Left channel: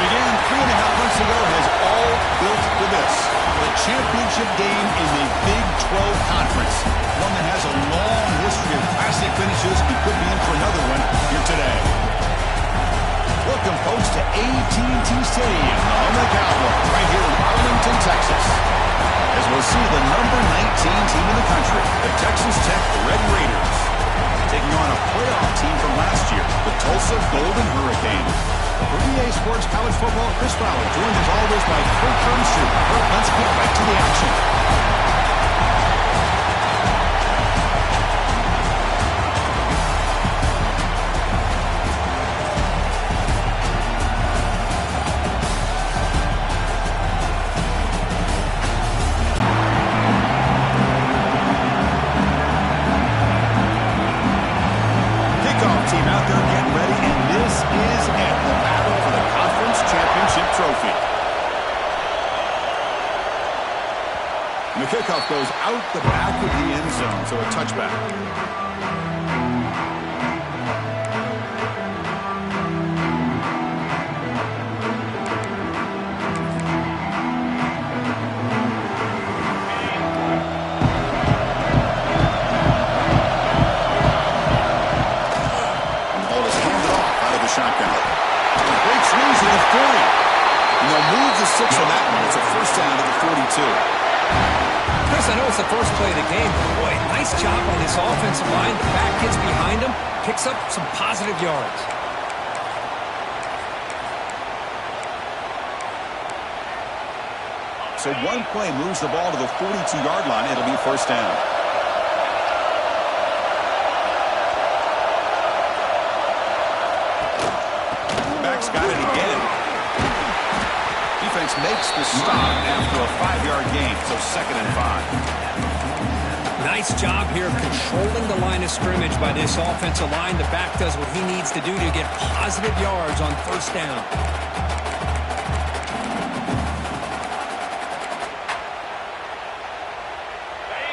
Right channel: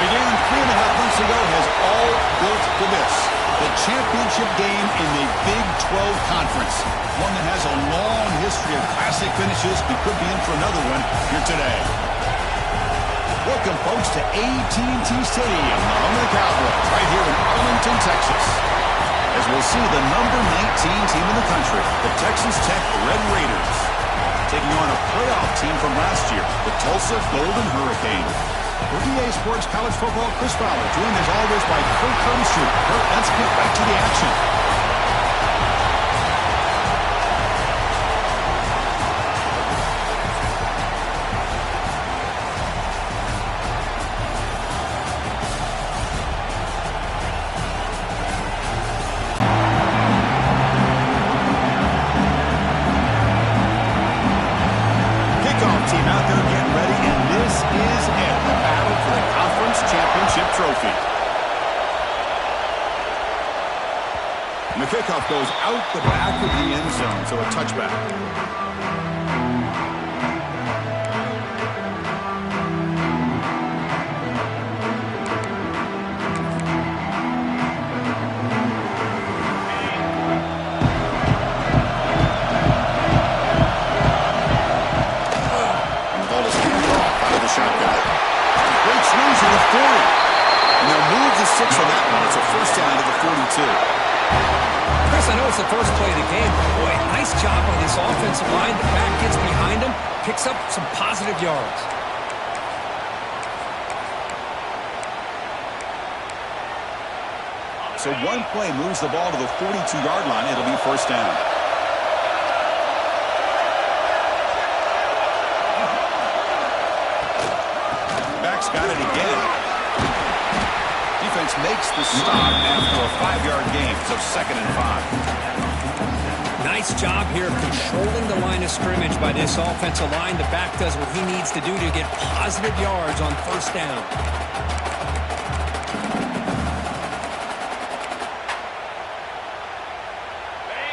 began 3.5 months ago has all built to this. The championship game in the Big 12 Conference. One that has a long history of classic finishes. We could be in for another one here today. Welcome, folks, to AT&T Stadium, the home of the Cowboys, right here in Arlington, Texas. As we'll see the number 19 team in the country, the Texas Tech Red Raiders, taking on a playoff team from last year, the Tulsa Golden Hurricane. For EA Sports College Football, Chris Fowler, joined as always by Kurt Kermsher. Kurt, let's get right to the action. Team out there getting ready, and this is it, the battle for the conference championship trophy. And the kickoff goes out the back of the end zone, so a touchback. Shotgun. Breaks loose at the 40. And they'll move the 6 on that one. It's a first down to the 42. Chris, I know it's the first play of the game, but boy, nice job by this offensive line. The back gets behind him, picks up some positive yards. So one play moves the ball to the 42-yard line. It'll be first down. Got it again. Defense makes the stop after a 5-yard gain, so 2nd and 5. Nice job here of controlling the line of scrimmage by this offensive line. The back does what he needs to do to get positive yards on first down.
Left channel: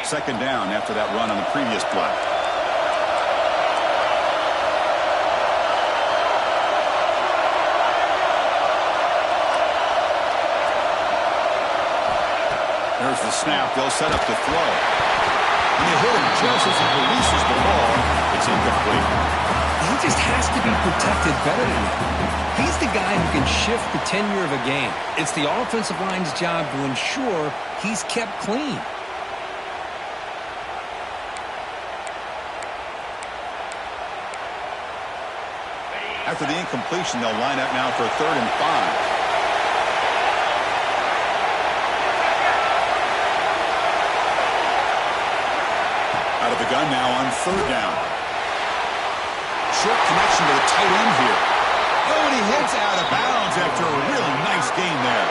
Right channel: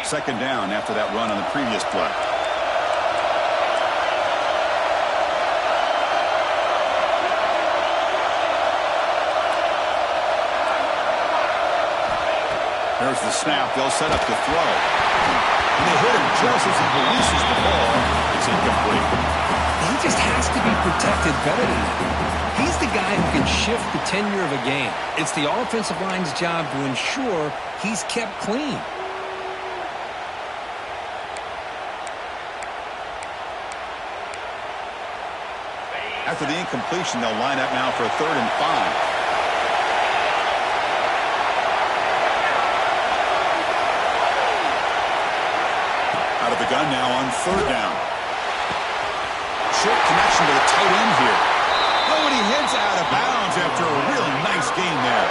Second down after that run on the previous play. There's the snap. They'll set up to throw. And they hit him just as he releases the ball. It's incomplete. He just has to be protected better than that. He's the guy who can shift the tenure of a game. It's the offensive line's job to ensure he's kept clean. After the incompletion, they'll line up now for a 3rd and 5. Out of the gun now on 3rd down. Short connection to the tight end here. Oh, and he heads out of bounds after a really nice gain there.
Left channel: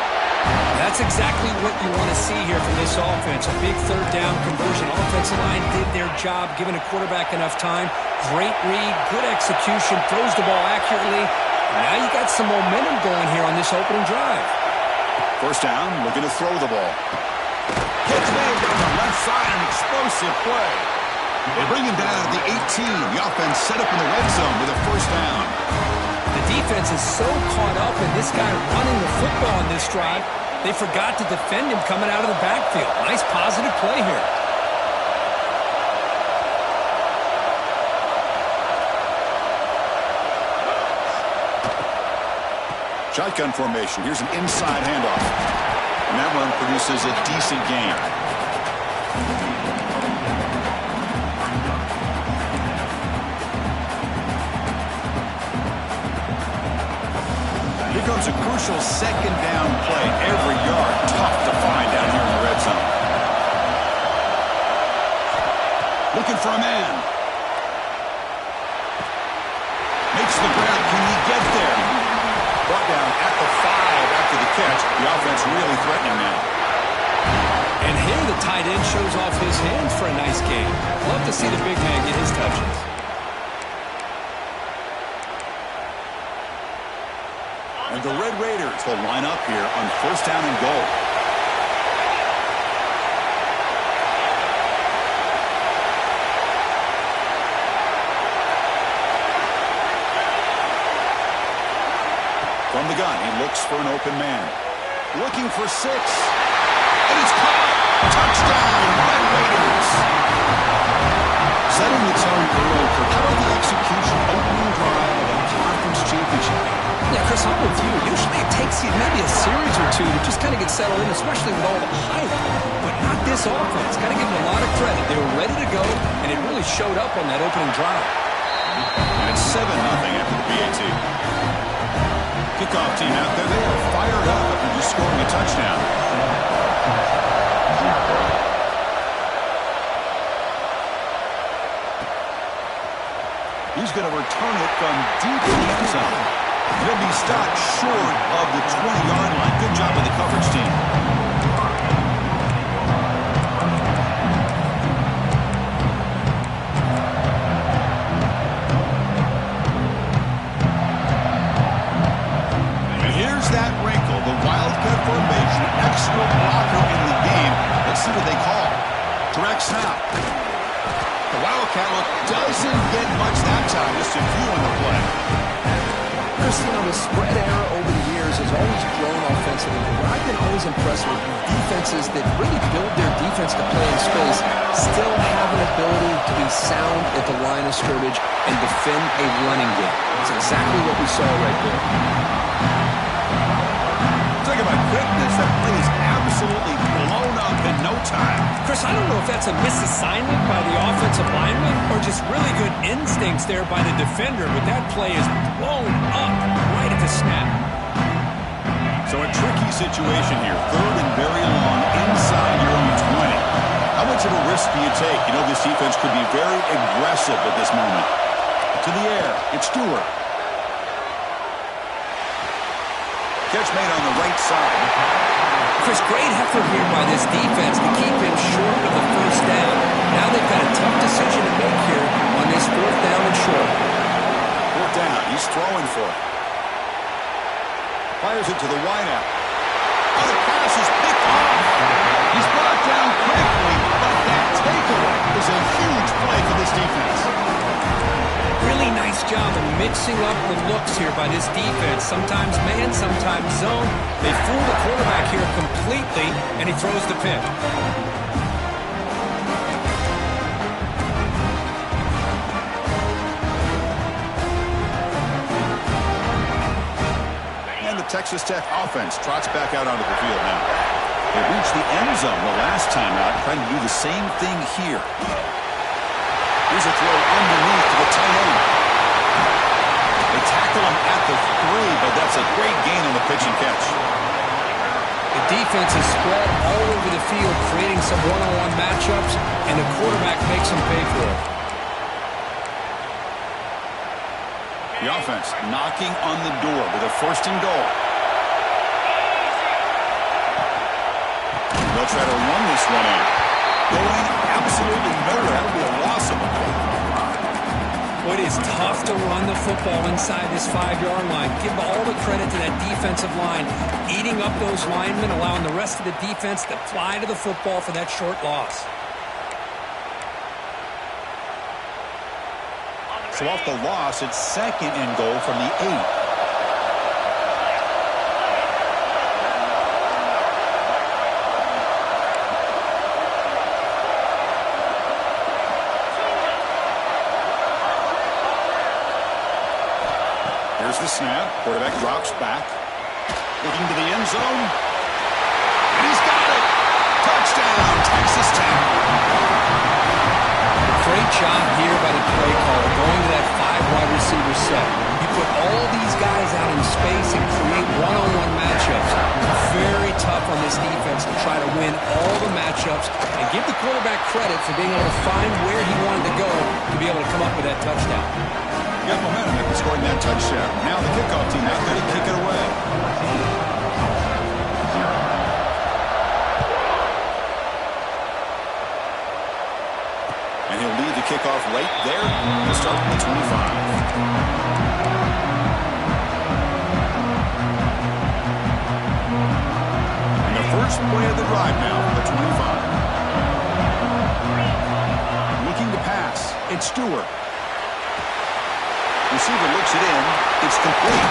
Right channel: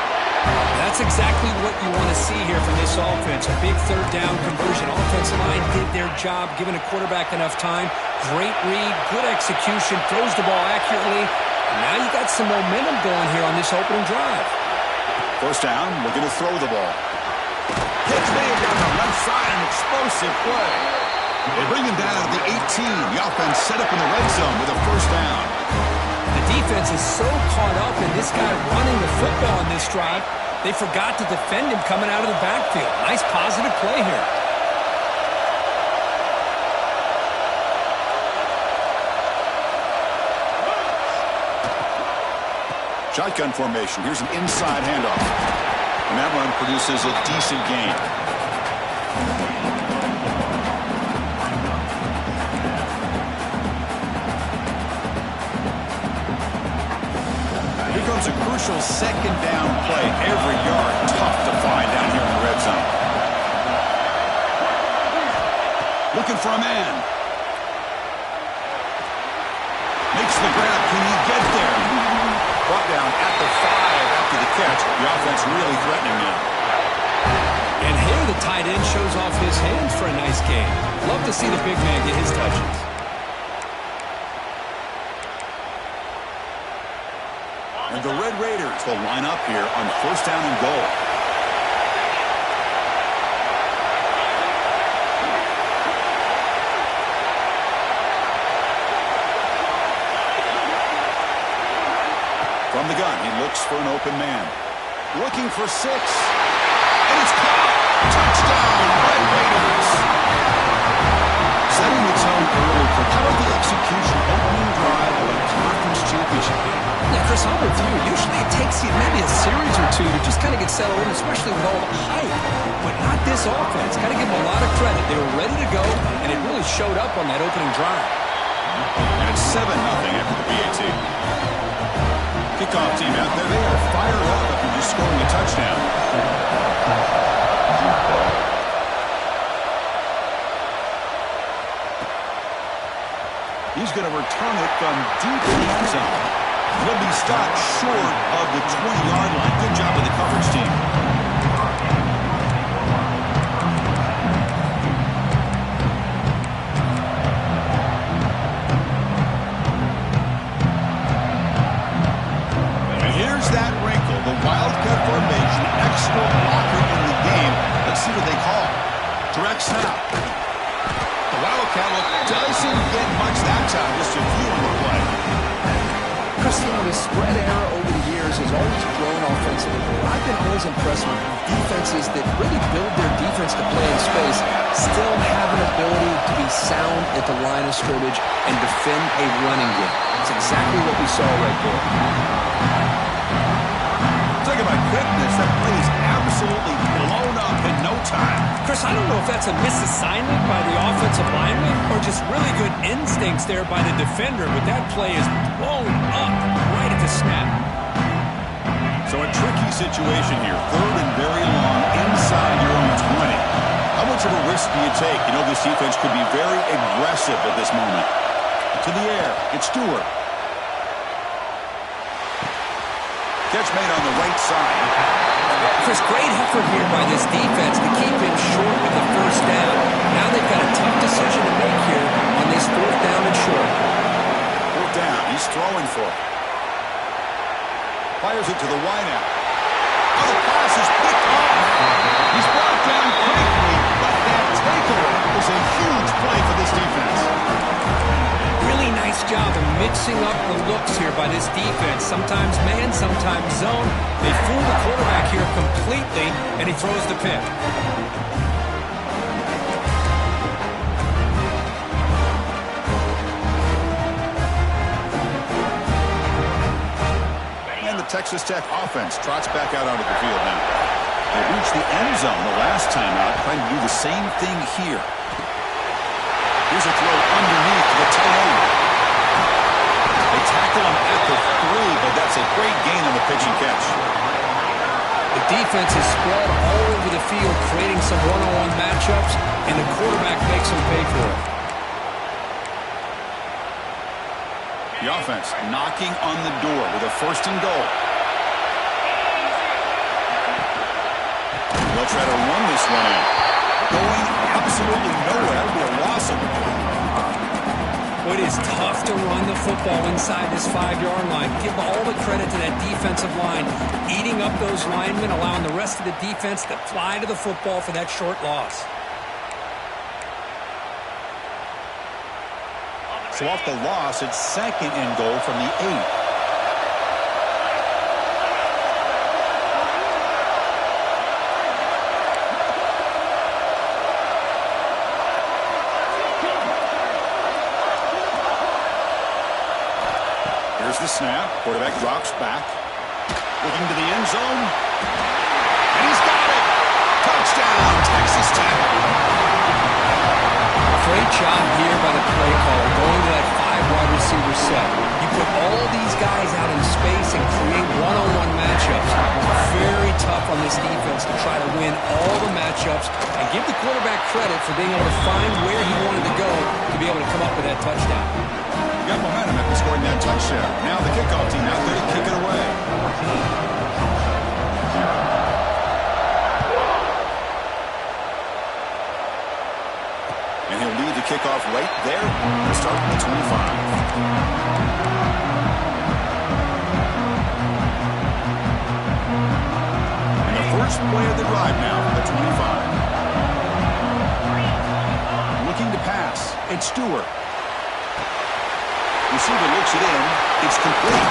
That's exactly what you want to see here from this offense. A big 3rd down conversion. Offensive line did their job, giving a quarterback enough time. Great read, good execution, throws the ball accurately. And now you got some momentum going here on this opening drive. First down, looking to throw the ball. Catch made down the left side, an explosive play. They bring him down to the 18. The offense set up in the red zone with a first down. The defense is so caught up in this guy running the football in this drive, they forgot to defend him coming out of the backfield. Nice positive play here. Shotgun formation. Here's an inside handoff. And that one produces a decent gain. Here comes a crucial 2nd down play. Every yard tough to find down here in the red zone. Looking for a man. Makes the grab. Can he get there? Brought down at the 5 after the catch. The offense really threatening now. And here the tight end shows off his hands for a nice game. Love to see the big man get his touches. And the Red Raiders will line up here on first down and goal. From the gun, he looks for an open man. Looking for 6. And it's caught. Touchdown, Red Raiders. Setting the tone early for how about the execution, opening drive of a conference championship game. Yeah, Chris, I'm with you. Usually it takes you maybe a series or two to just kind of get settled in, especially with all the hype. But not this offense. Got to give them a lot of credit. They were ready to go, and it really showed up on that opening drive. And it's 7-0 after the PAT. Kickoff team out there, they are fired up after just scoring a touchdown. He's going to return it from deep in the end zone. He'll be stopped short of the 20-yard line. Good job with the coverage team. And here's that wrinkle, the Wildcat formation, extra blocker in the game. Let's see what they call. Direct snap. The Wildcat look doesn't get much that time, just a few on the play. Chris, you know, the spread era over the years has always grown offensively. But I've been always impressed with defenses that really build their defense to play in space, still have an ability to be sound at the line of scrimmage and defend a running game. That's exactly what we saw right there. Talk about quickness, that play is absolutely blown up in no time. Chris, I don't know if that's a misassignment by the offensive lineman or just really good instincts there by the defender, but that play is blown up right at the snap. So a tricky situation here. 3rd and very long inside your own 20. How much of a risk do you take? You know this defense could be very aggressive at this moment. To the air, it's Stewart. Catch made on the right side. Chris, great effort here by this defense to keep him short of the first down. Now they've got a tough decision to make here on this 4th down and short. 4th down, he's throwing for it. Fires it to the wideout. Oh, the pass is picked off. He's brought down quickly, but that takeaway is a huge play for this defense. Really nice job of mixing up the looks here by this defense. Sometimes man, sometimes zone. They fool the quarterback here completely, and he throws the pick. And the Texas Tech offense trots back out onto the field now. They reached the end zone the last time out, trying to do the same thing here. Here's a throw underneath to the tight end. They tackle him at the 3, but that's a great gain on the pitch and catch. The defense is spread all over the field, creating some one-on-one matchups, and the quarterback makes them pay for it. The offense knocking on the door with a 1st and goal. They'll try to run this one in. Going absolutely nowhere. That'll be a loss of the ball. Well, it is tough to run the football inside this 5-yard line. Give all the credit to that defensive line, eating up those linemen, allowing the rest of the defense to fly to the football for that short loss. So off the loss, it's 2nd and goal from the 8. Here's the snap. Quarterback drops back. Looking to the end zone. And he's got it. Touchdown, Texas Tech. Great job here by the play caller, going to that 5-wide receiver set. You put all these guys out in space and create one-on-one matchups. Very tough on this defense to try to win all the matchups and give the quarterback credit for being able to find where he wanted to go to be able to come up with that touchdown. Got momentum after scoring that touchdown. Now the kickoff team out there to kick it away. And he'll lead the kickoff right there to start from the 25. And the first play of the drive now for the 25. Looking to pass. It's Stewart. Receiver looks it in. It's complete.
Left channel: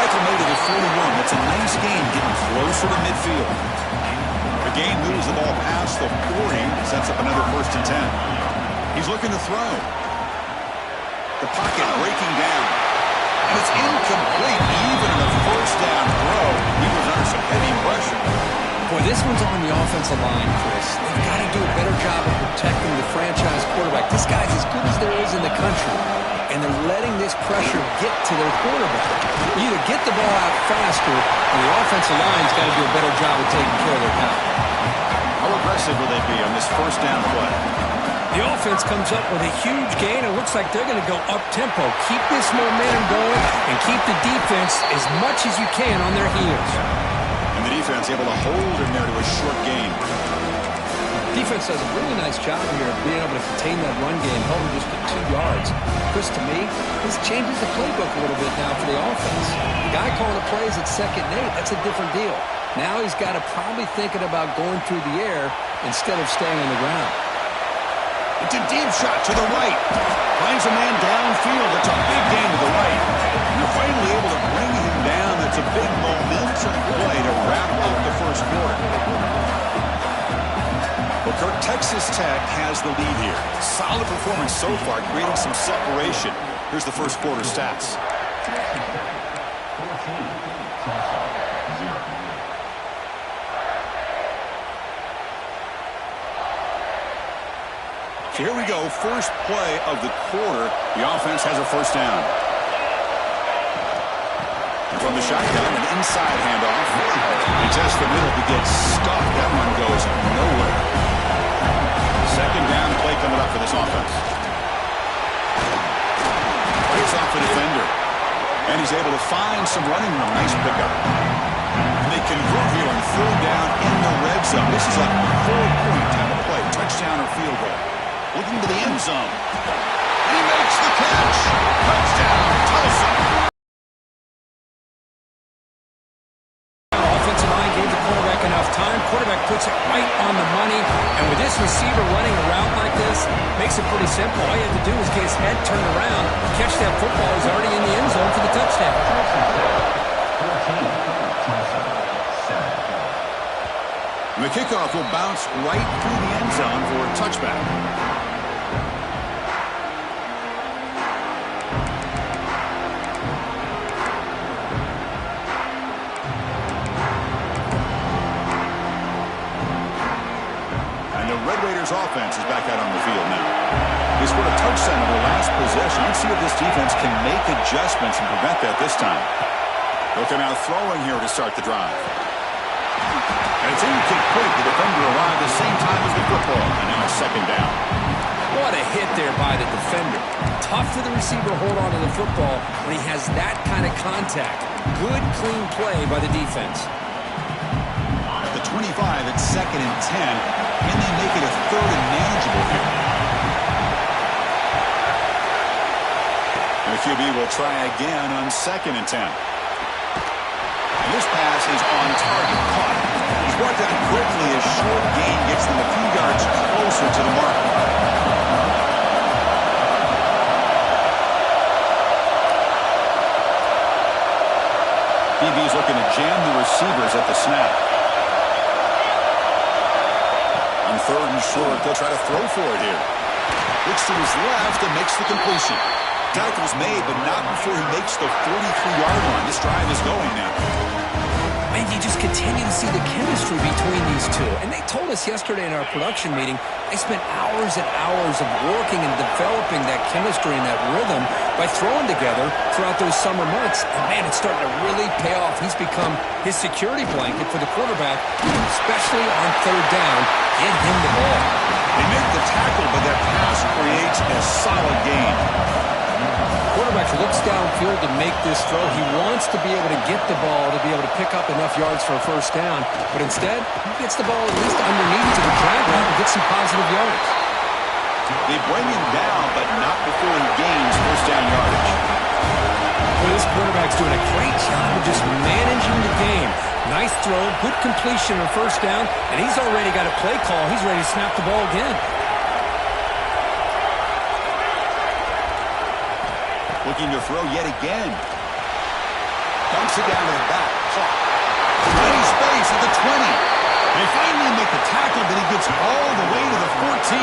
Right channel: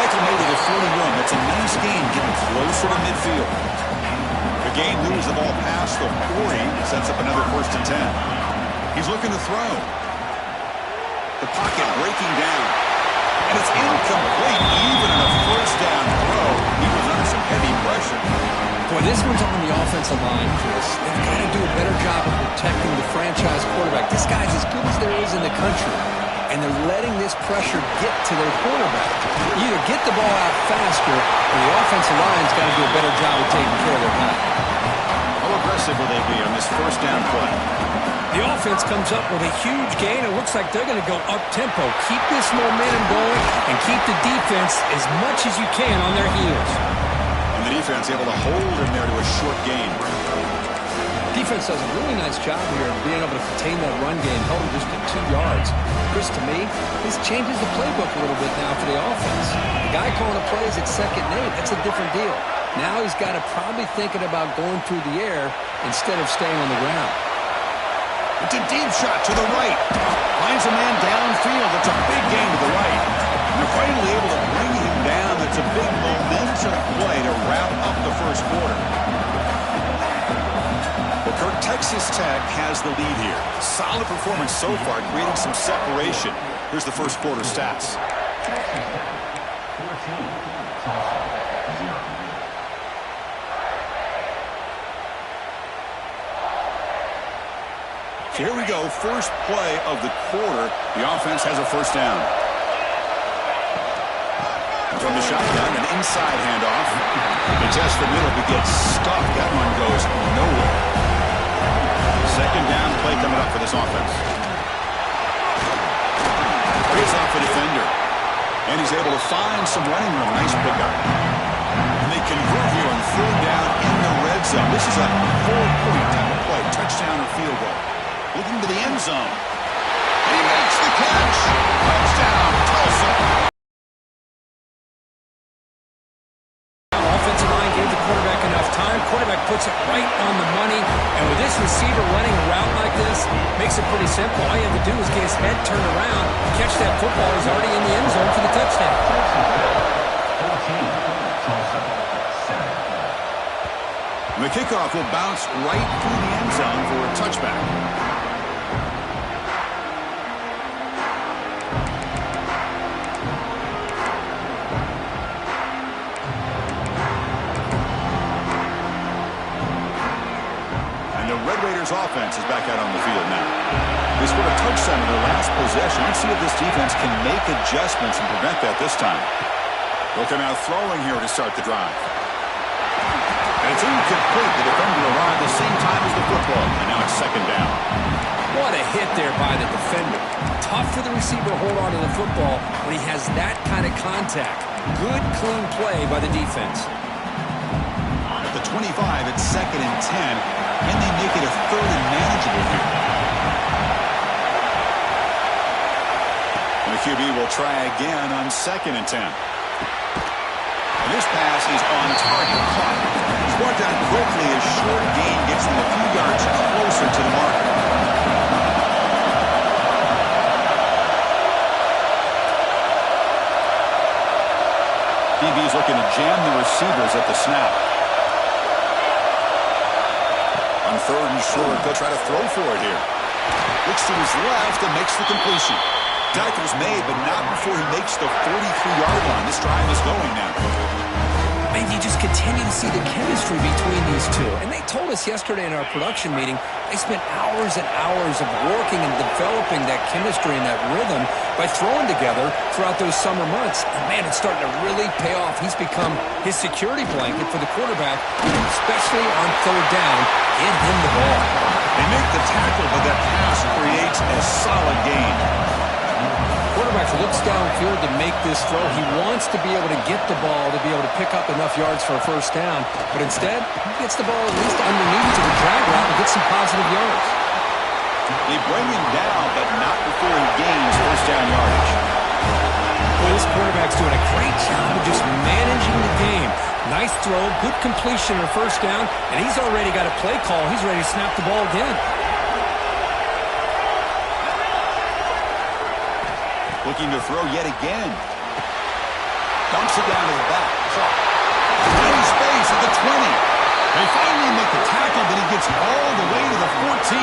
Tackle made it at 41. That's a nice gain, getting closer to midfield. The game moves the ball past the 40. Sets up another 1st and 10. He's looking to throw. The pocket breaking down. And it's incomplete, even on a 1st down throw. He was under some heavy pressure. Boy, this one's on the offensive line, Chris. They've got to do a better job of protecting the franchise quarterback. This guy's as good as there is in the country, and they're letting this pressure get to their quarterback. You either get the ball out faster, or the offensive line's got to do a better job of taking care of their guy. How aggressive will they be on this 1st down play? The offense comes up with a huge gain. It looks like they're going to go up-tempo. Keep this momentum going and keep the defense as much as you can on their heels. And the defense able to hold him there to a short gain. Defense does a really nice job here of being able to contain that run game, held him just at 2 yards. Chris, to me, this changes the playbook a little bit now for the offense. The guy calling the plays at 2nd and 8, that's a different deal. Now he's got to probably thinking about going through the air instead of staying on the ground. It's a deep shot to the right. Finds a man downfield. That's a big gain to the right. And they're finally able to bring him down. That's a big momentum play to wrap up the 1st quarter. Well, Kirk, Texas Tech has the lead here. Solid performance so far, creating some separation. Here's the 1st quarter stats. Tulsa 0. So here we go, 1st play of the quarter. The offense has a 1st down. And from the shotgun, an inside handoff. He tests the middle, but gets stuck. That one goes nowhere. 2nd down play coming up for this offense. Plays off a defender. And he's able to find some running room. Nice pickup. And they convert here on 3rd down in the red zone. This is a 4-point type of play. Touchdown or field goal. Looking to the end zone. And he makes the catch. Touchdown, Tulsa. Offensive line gave the quarterback enough time. Quarterback puts it right on the money. And with this receiver running a route like this, makes it pretty simple. All you have to do is get his head turned around, catch that football. He's already in the end zone for the touchdown. 14, Tulsa 7. The kickoff will bounce right through the end zone for a touchback. Red Raiders offense is back out on the field now. They scored a touchdown in their last possession. Let's see if this defense can make adjustments and prevent that this time. They'll come out throwing here to start the drive. And it's incomplete. The defender arrived the same time as the football. And now it's 2nd down. What a hit there by the defender. Tough for the receiver to hold on to the football when he has that kind of contact. Good, clean play by the defense. At the 25, it's 2nd and 10. Can they make it a 3rd and manageable here? And the QB will try again on 2nd and 10. And this pass is on target, caught. He's brought down quickly as short gain gets them a few yards closer to the mark. DB's looking to jam the receivers at the snap. On 3rd and short, they'll try to throw for it here. Looks to his left and makes the completion. Tackle's made, but not before he makes the 43-yard line. This drive is going now. And you just continue to see the chemistry between these two. And they told us yesterday in our production meeting, they spent hours and hours of working and developing that chemistry and that rhythm by throwing together throughout those summer months. And, man, it's starting to really pay off. He's become his security blanket for the quarterback, especially on 3rd down. Get him the ball. They make the tackle, but that pass creates a solid gain. Quarterback looks downfield to make this throw. He wants to be able to get the ball to be able to pick up enough yards for a 1st down. But instead, he gets the ball at least underneath to the drag route and gets some positive yards. They bring him down, but not before he gains 1st down yardage. Well, this quarterback's doing a great job of just managing the game. Nice throw, good completion on 1st down, and he's already got a play call. He's ready to snap the ball again. Looking to throw yet again. Dumps it down to the back. Clock. Tiny space at the 20. They finally make the tackle, but he gets all the way to the 14.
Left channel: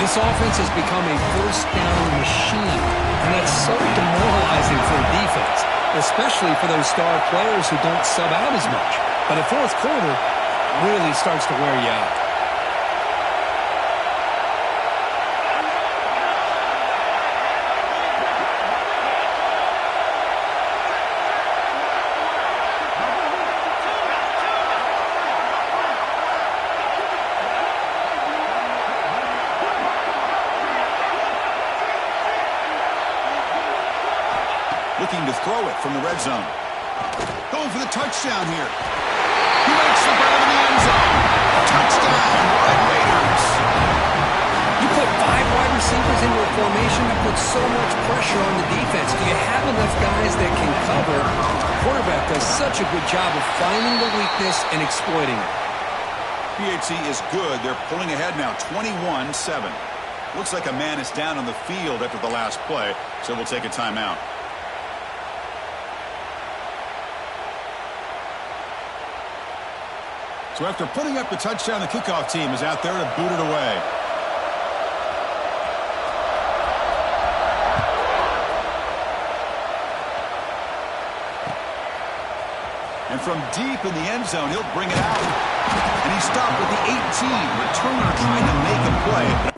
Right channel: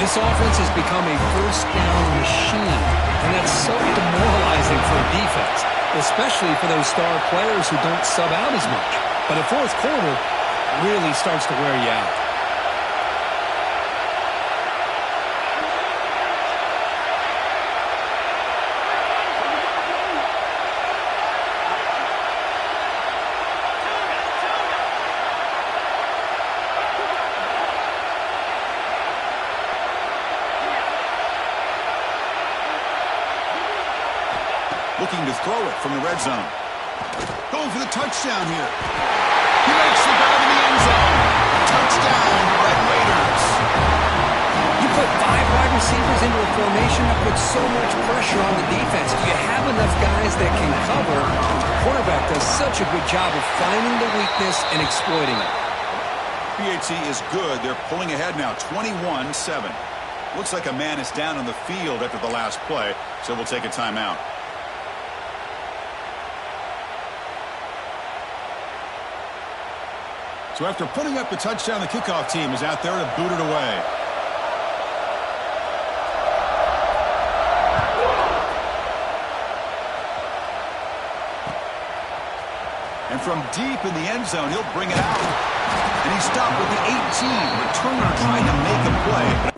This offense has become a first down machine, and that's so demoralizing for a defense, especially for those star players who don't sub out as much. But the fourth quarter really starts to wear you out. Looking to throw it from the red zone. Going for the touchdown here. He makes the grab in the end zone. Touchdown, Red Raiders. You put 5 wide receivers into a formation that puts so much pressure on the defense. Do you have enough guys that can cover? The quarterback does such a good job of finding the weakness and exploiting it. PHC is good. They're pulling ahead now, 21-7. Looks like a man is down on the field after the last play, so we'll take a timeout. So after putting up the touchdown, the kickoff team is out there to boot it away. And from deep in the end zone, he'll bring it out. And he stopped with the 18. Returner trying to make a play.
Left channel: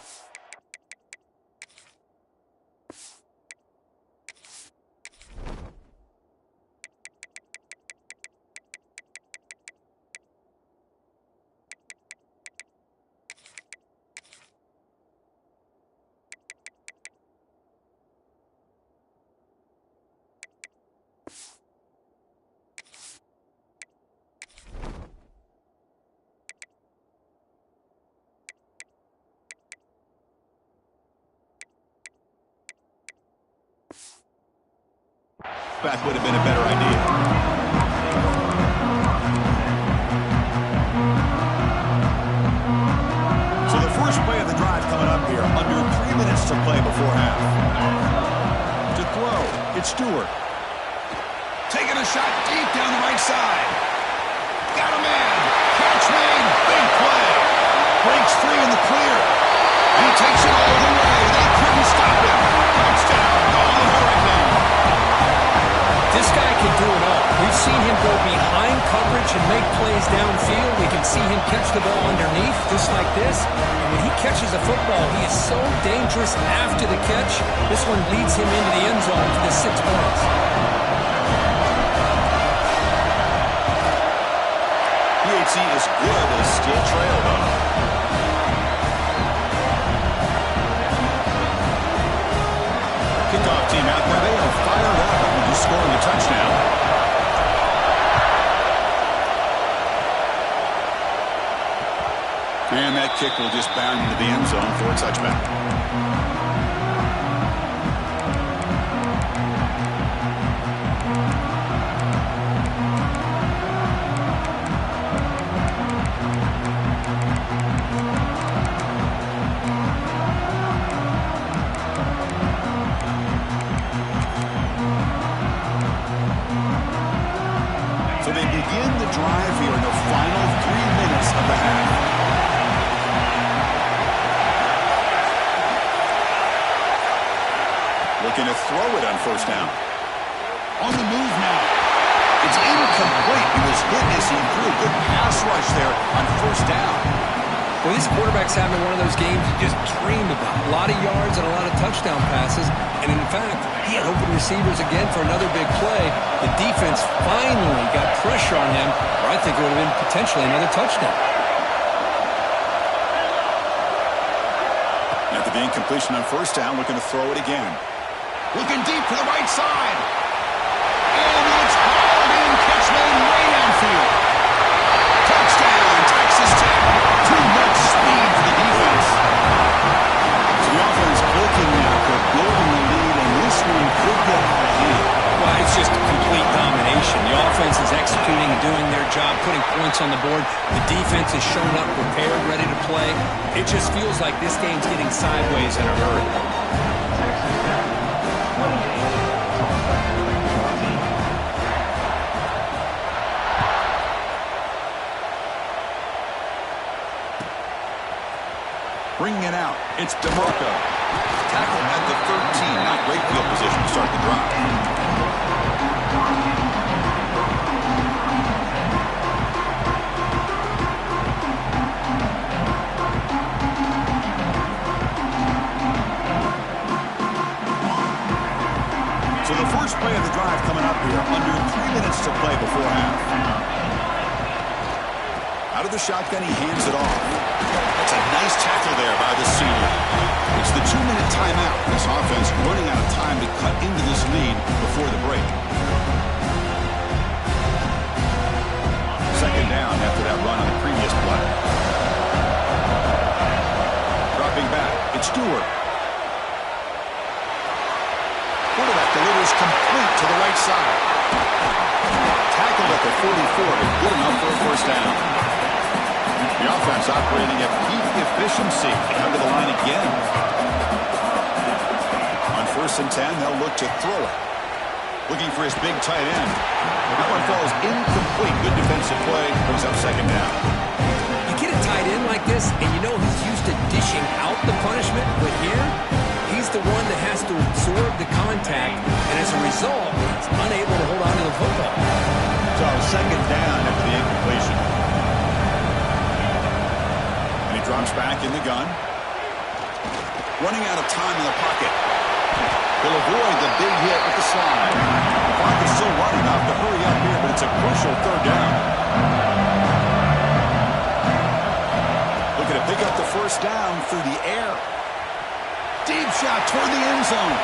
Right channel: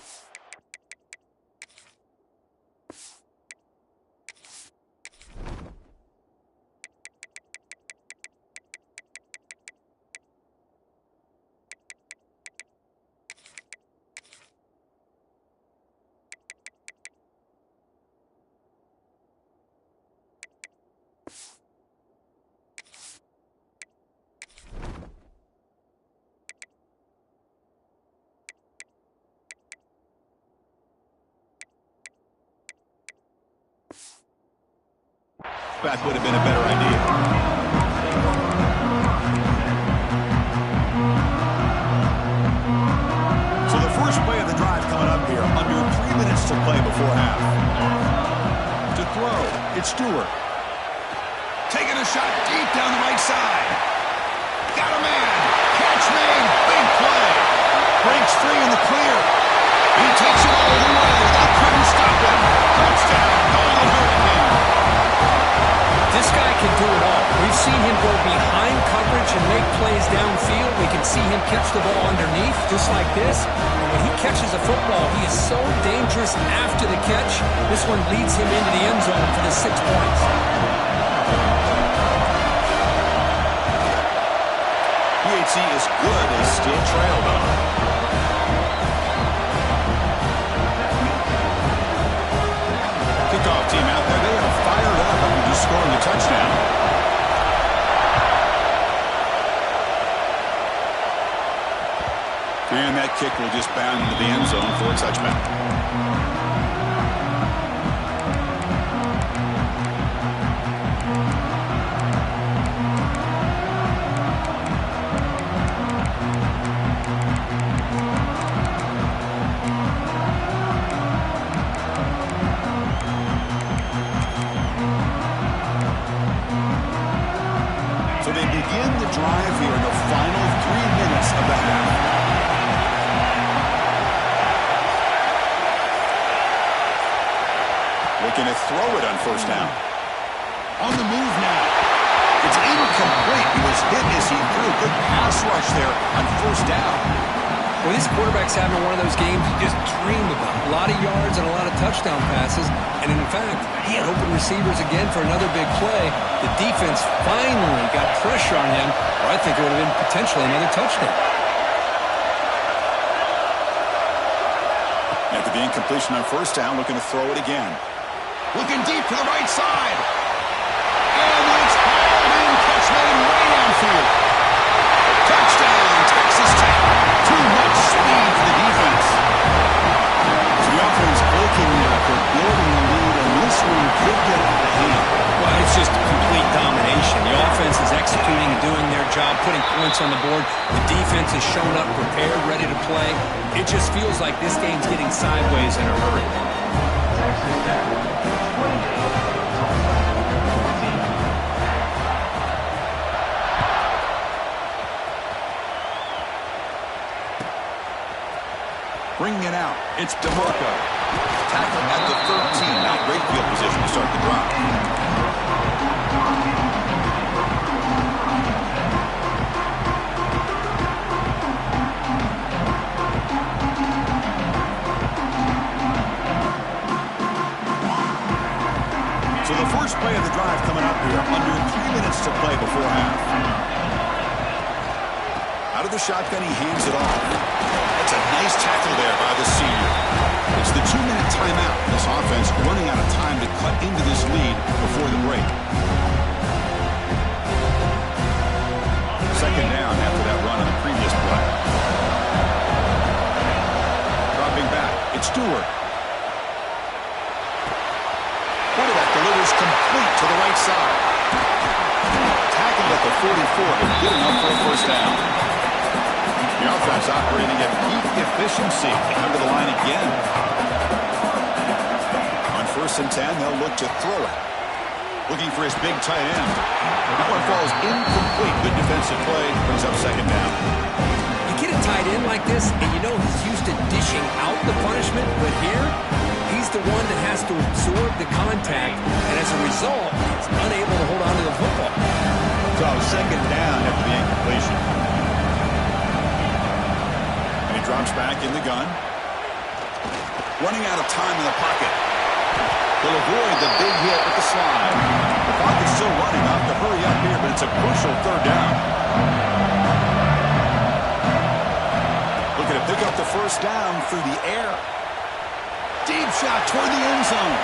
Back would have been a better idea. So the first play of the drive coming up here. Under 3 minutes to play before half. To throw, it's Stewart. Taking a shot deep down the right side. Got a man. Catch made. Big play. Breaks free in the clear. And he takes it all the way. They couldn't stop him. Touchdown, Golden Hurricane. This guy can do it all. We've seen him go behind coverage and make plays downfield. We can see him catch the ball underneath, just like this. And when he catches a football, he is so dangerous after the catch. This one leads him into the end zone for the 6 points. PHC is good, they still trail, though. Kickoff team out there, they are fired up after just scoring a touchdown. And that kick will just bound into the end zone for a touchback. So they begin the drive here in the final 3 minutes of the half. Looking to throw it on first down. On the move now. It's incomplete. He was hit as he threw. Good pass rush there on first down. Well, this quarterback's having one of those games you just dream about. A lot of yards and a lot of touchdown passes. And in fact, he had open receivers again for another big play. The defense finally got pressure on him, or I think it would have been potentially another touchdown. After the incompletion on first down, looking to throw it again. Looking deep to the right side. And it's hauled in. Catch made way downfield. Touchdown, Texas Tech. Too much speed for the defense. So the offense looking now for building the lead, and this one could get out of hand. Well, it's just complete domination. The offense is executing and doing their job, putting points on the board. The defense has shown up prepared, ready to play. It just feels like this game's getting sideways in a hurry. Texas Tech, 28, Tulsa, 14. bringing it out. It's DeMarco. Tackled at the 13. Not great field position to start the drive. So the first play of the drive coming up here, under 3 minutes to play before half. Out of the shotgun, he hands it off. That's a nice tackle there by the senior. It's the 2-minute timeout. This offense running out of time to cut into this lead before the break. Second down after that run on the previous play. Dropping back, it's Stewart. Quarterback delivers complete to the right side. Tackled at the 44, but good enough for a first down. The offense operating at peak efficiency. They come to the line again. On 1st and 10, they'll look to throw it. Looking for his big tight end. That one falls incomplete. Good defensive play. Brings up second down. You get a tight end like this, and you know he's used to dishing out the punishment, but here, he's the one that has to absorb the contact, and as a result, he's unable to hold on to the football. So second down after the incompletion. And he drops back in the gun. Running out of time in the pocket. He'll avoid the big hit with the slide. The pocket's still running. Off to hurry up here, but it's a crucial third down. Looking to pick up the first down through the air. Deep shot toward the end zone.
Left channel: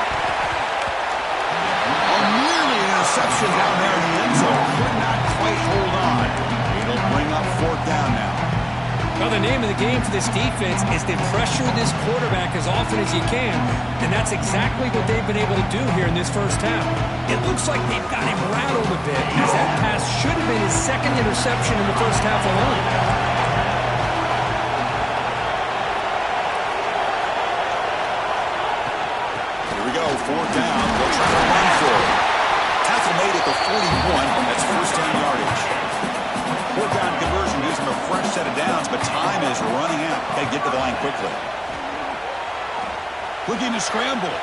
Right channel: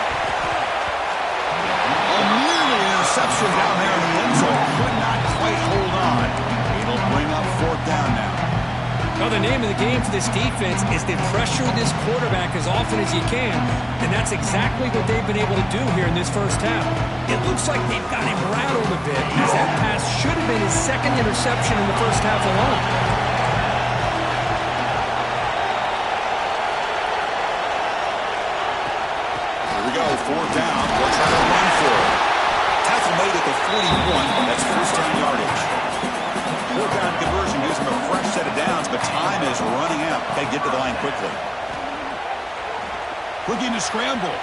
Oh, nearly an interception down there in the end zone. Could not quite hold on. It'll bring up fourth down now. Well, the name of the game for this defense is to pressure this quarterback as often as you can, and that's exactly what they've been able to do here in this first half. It looks like they've got him rattled a bit, as that pass should have been his second interception in the first half alone. Here we go, fourth down. They'll try to run for it. Tackle made at the 41. That's first down yardage. Fourth down conversion gives them a fresh set of downs, but time is running out. They get to the line quickly. Looking to scramble.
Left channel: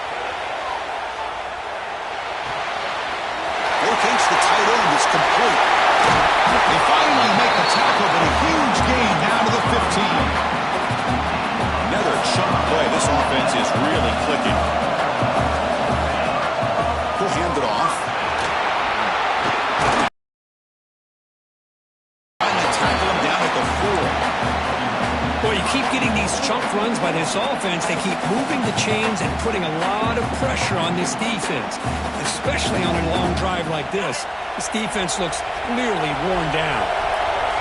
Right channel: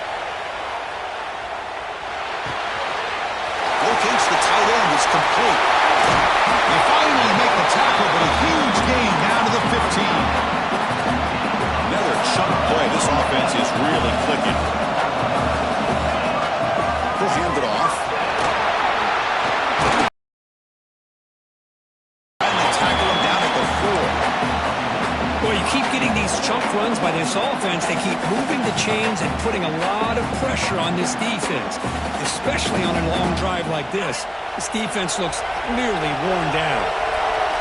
Locates the tight end. It's complete. They finally make the tackle, but a huge gain down to the 15. Another chunk play. This offense is really clicking. He'll hand it off. Tackle him down at the 4. Well, you keep getting these chunk runs by this offense. They keep moving the chains and putting a lot of pressure on this defense, especially on a long drive like this. This defense looks clearly worn down.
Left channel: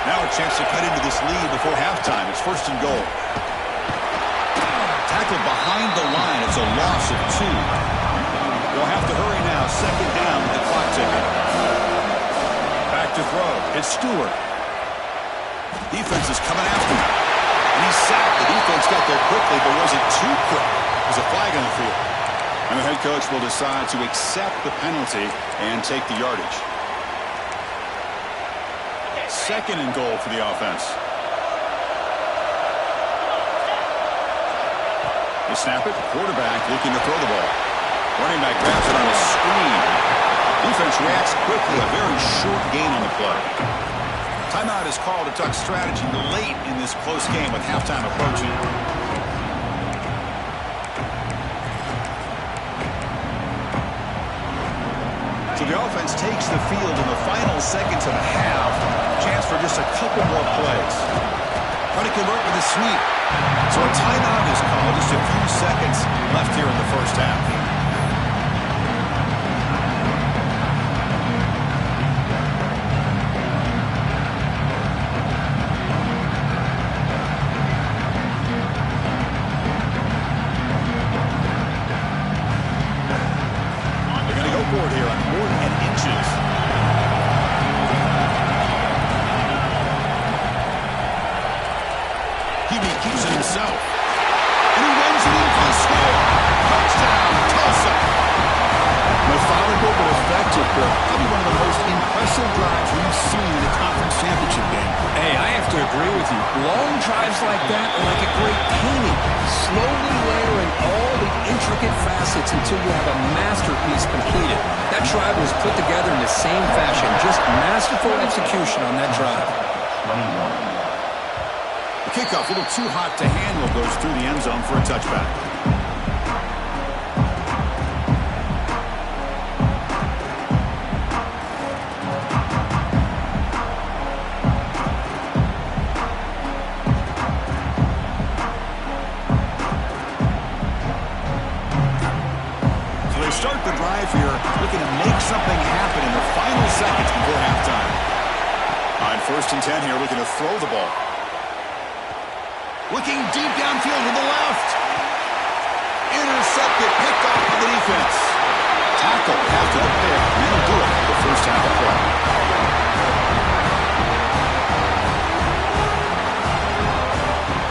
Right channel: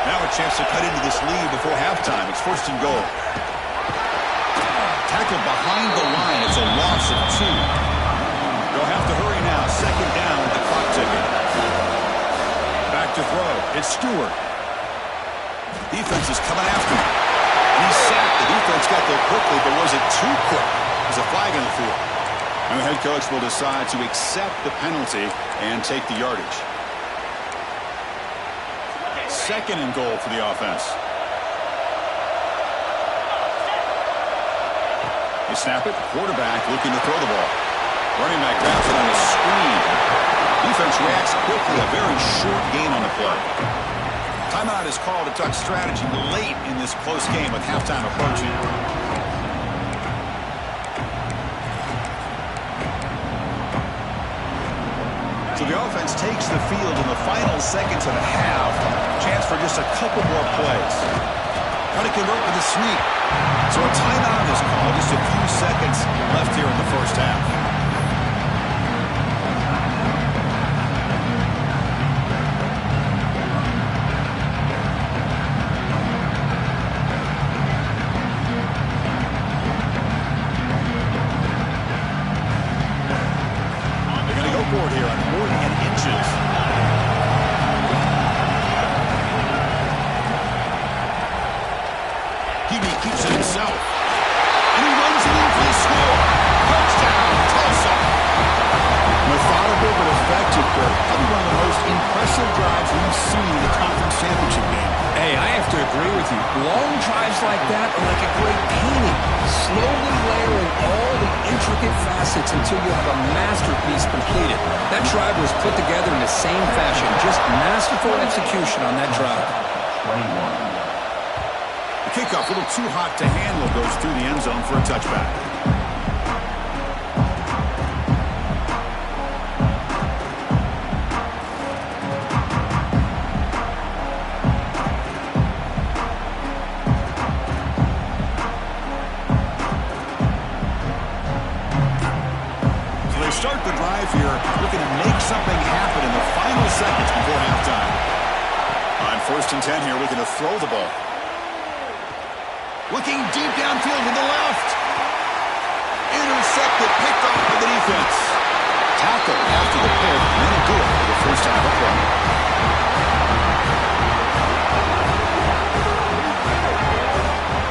Now a chance to cut into this lead before halftime. It's first and goal. Tackled behind the line. It's a loss of 2. They'll have to hurry now. Second down with the clock ticking. Back to throw. It's Stewart. Defense is coming after him. And he's sacked. The defense got there quickly, but was it too quick? There's a flag on the field. And the head coach will decide to accept the penalty and take the yardage. Second and goal for the offense. You snap it. Quarterback looking to throw the ball. Running back grabs it on a screen. Defense reacts quickly. A very short gain on the play. Timeout is called to talk strategy late in this close game with halftime approaching. So the offense takes the field in the final seconds of the half. Chance for just a couple more plays. Trying to convert with a sweep. So a timeout is called. Just a few seconds left here in the first half. Here on 4 inches. QB keeps it himself. And he runs it in for the score. Touchdown, Tulsa. Methodical but effective, but probably one of the most impressive drives we've seen in a conference championship game. Hey, I have to agree with you. Long drives like that are like a great painting. Slowly layering all the intricate facets until you have a masterpiece completed. That drive was put together in the same fashion. Just masterful execution on that drive. 21. The kickoff, a little too hot to handle, goes through the end zone for a touchback. Start the drive here, looking to make something happen in the final seconds before halftime. On 1st and 10 here, looking to throw the ball. Looking deep downfield to the left. Intercepted, picked off by the defense. Tackle after the pick, and that'll do it for the first half of play.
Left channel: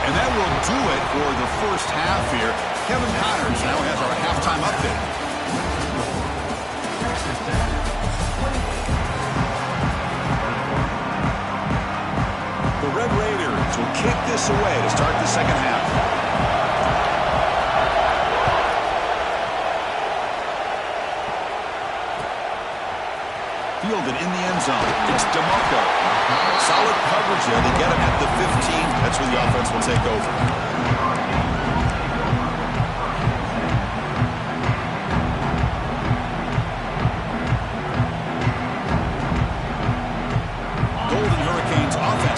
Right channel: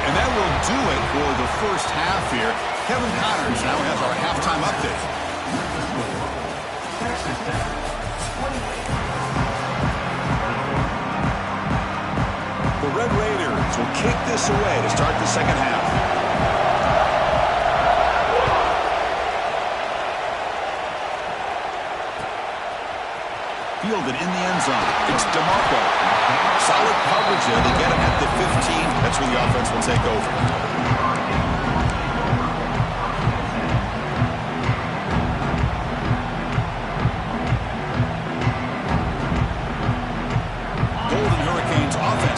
And that will do it for the first half here. Kevin Connors now has our halftime update. The Red Raiders will kick this away to start the second half. Fielded in the end zone. It's DeMarco. Solid coverage there. They get him at the 15. That's where the offense will take over.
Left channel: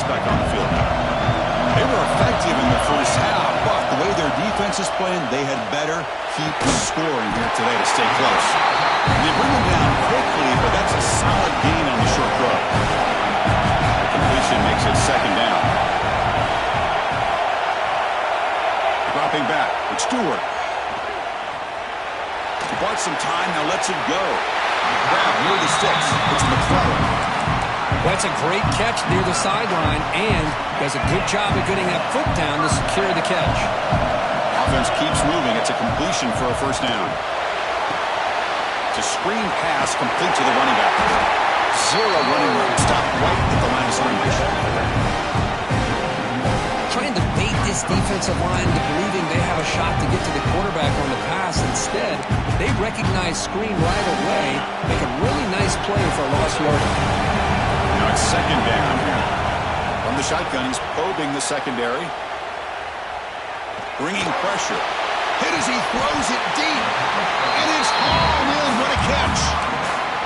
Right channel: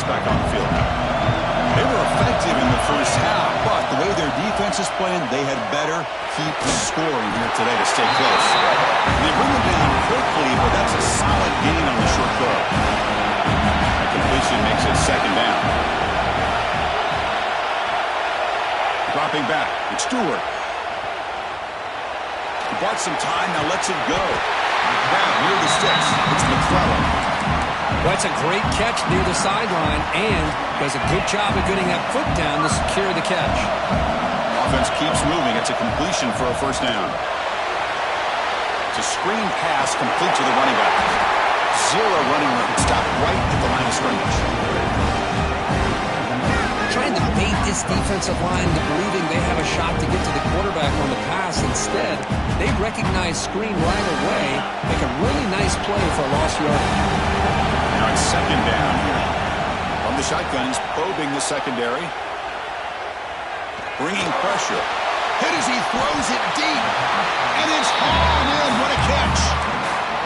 Back on the field now. They were effective in the first half, but the way their defense is playing, they had better keep scoring here today to stay close. They bring them down quickly, but that's a solid gain on the short throw. That completion makes it second down. Dropping back, it's Stewart. He bought some time, now lets it go. Grab near the sticks. It's McClellan. Well, that's a great catch near the sideline and does a good job of getting that foot down to secure the catch. Offense keeps moving. It's a completion for a first down. It's a screen pass complete to the running back. Zero running room. Stopped right at the line of scrimmage. Trying to bait this defensive line into believing they have a shot to get to the quarterback on the pass. Instead, they recognize screen right away, make a really nice play for a lost yardage. Now it's second down here. From the shotgun, he's probing the secondary. Bringing pressure. Hit as he throws it deep. And it's hauled in. What a catch.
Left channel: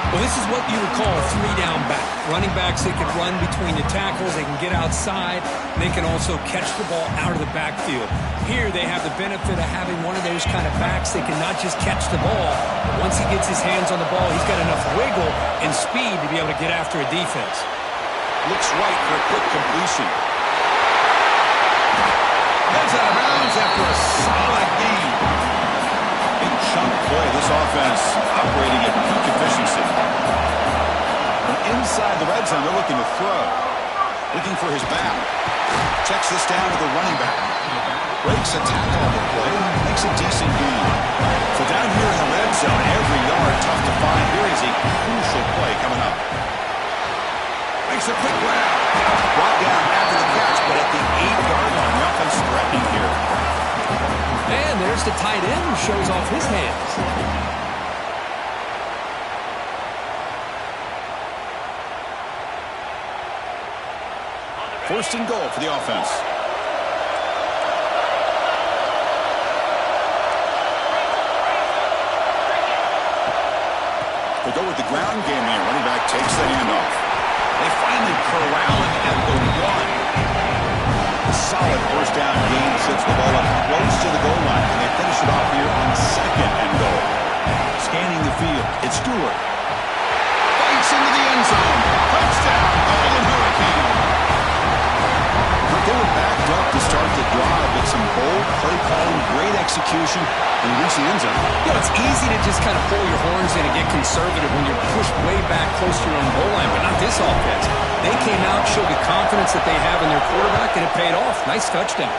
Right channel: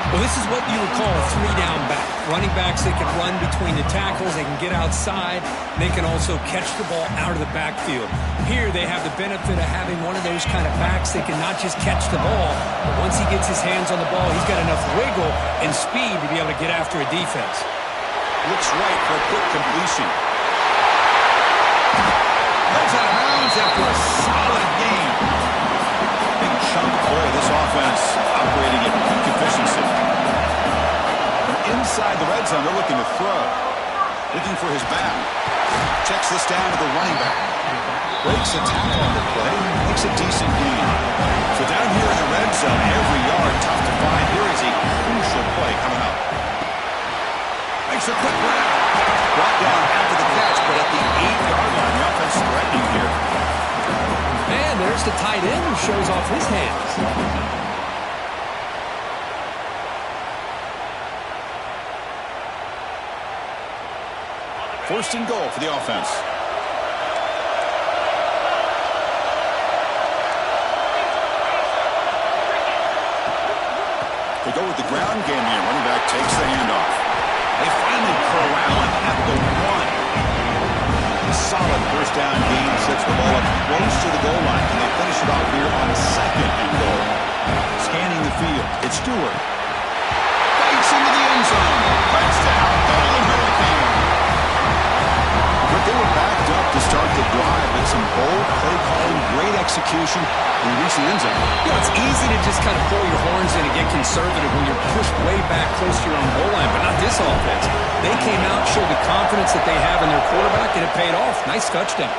Well, this is what you would call a three-down back. Running backs, they can run between the tackles. They can get outside. And they can also catch the ball out of the backfield. Here, they have the benefit of having one of those kind of backs that can not just catch the ball, but once he gets his hands on the ball, he's got enough wiggle and speed to be able to get after a defense. Looks right for a quick completion. Heads out of bounds after a solid gain. Big chunk play. This offense operating at peak efficiency. From inside the red zone, they're looking to throw. Looking for his back. Checks this down to the running back. Breaks a tackle on the play. Makes a decent gain. So down here in the red zone, every yard tough to find. Here is a crucial play coming up. Makes a quick grab. Brought down after the catch, but at the 8-yard line, the offense threatening here. And there's the tight end who shows off his hands. First and goal for the offense. They go with the ground game here. Running back takes the handoff. They finally corral him at the 1. A solid first down gain sets the ball up close to the goal line. And they finish it off here on second and goal. Scanning the field. It's Stewart. Bites into the end zone. Touchdown, Golden Hurricane. But they were backed up to start the drive, but some bold play calling, great execution, and they reach the end zone. You know, it's easy to just kind of pull your horns in and get conservative when you're pushed way back close to your own goal line, but not this offense. They came out, showed the confidence that they have in their quarterback, and it paid off. Nice touchdown.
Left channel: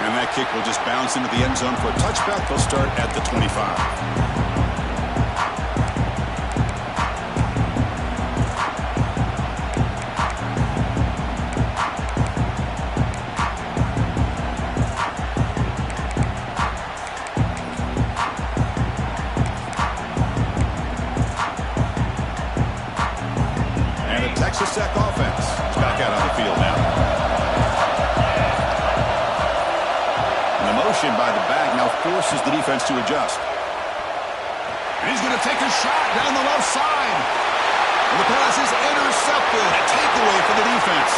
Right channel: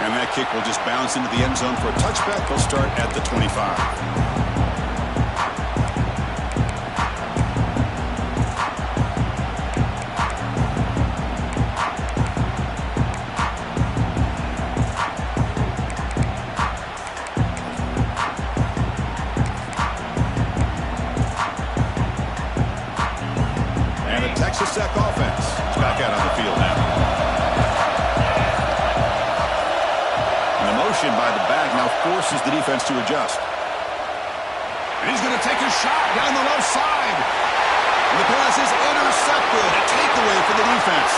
And And that kick will just bounce into the end zone for a touchback. They'll start at the 25. And the Texas Tech offense is back out on the field now. And the motion by the back now forces the defense to adjust. And he's going to take a shot down the left side. And the pass is intercepted. A takeaway for the defense.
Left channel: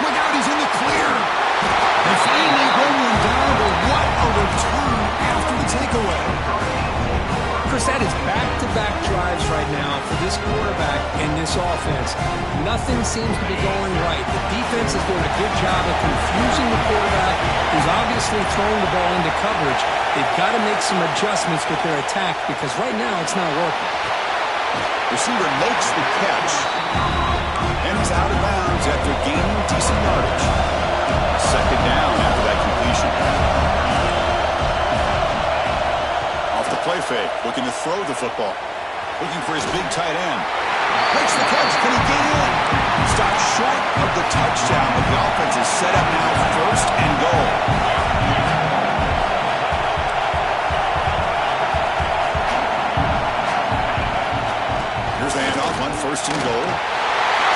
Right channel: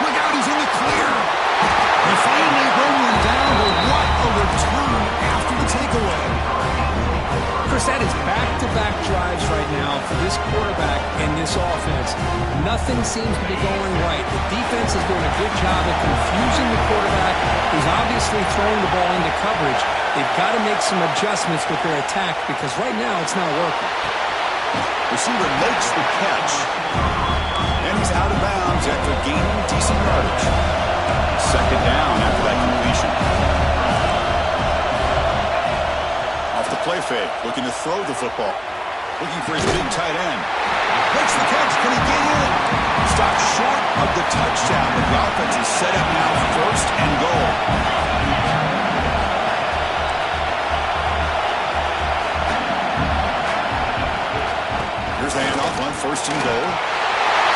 Look out, he's in the clear. They finally bring him down, but what a return after the takeaway. Chris, that is back-to-back drives right now for this quarterback and this offense. Nothing seems to be going right. The defense is doing a good job of confusing the quarterback, who's obviously throwing the ball into coverage. They've got to make some adjustments with their attack because right now it's not working. Receiver makes the catch, and he's out of bounds after gaining decent yardage. Second down after that completion. Off the play fake, looking to throw the football. Looking for his big tight end. Makes the catch. Can he get in? Stopped short of the touchdown, but the offense is set up now first and goal. Here's the handoff on first and goal.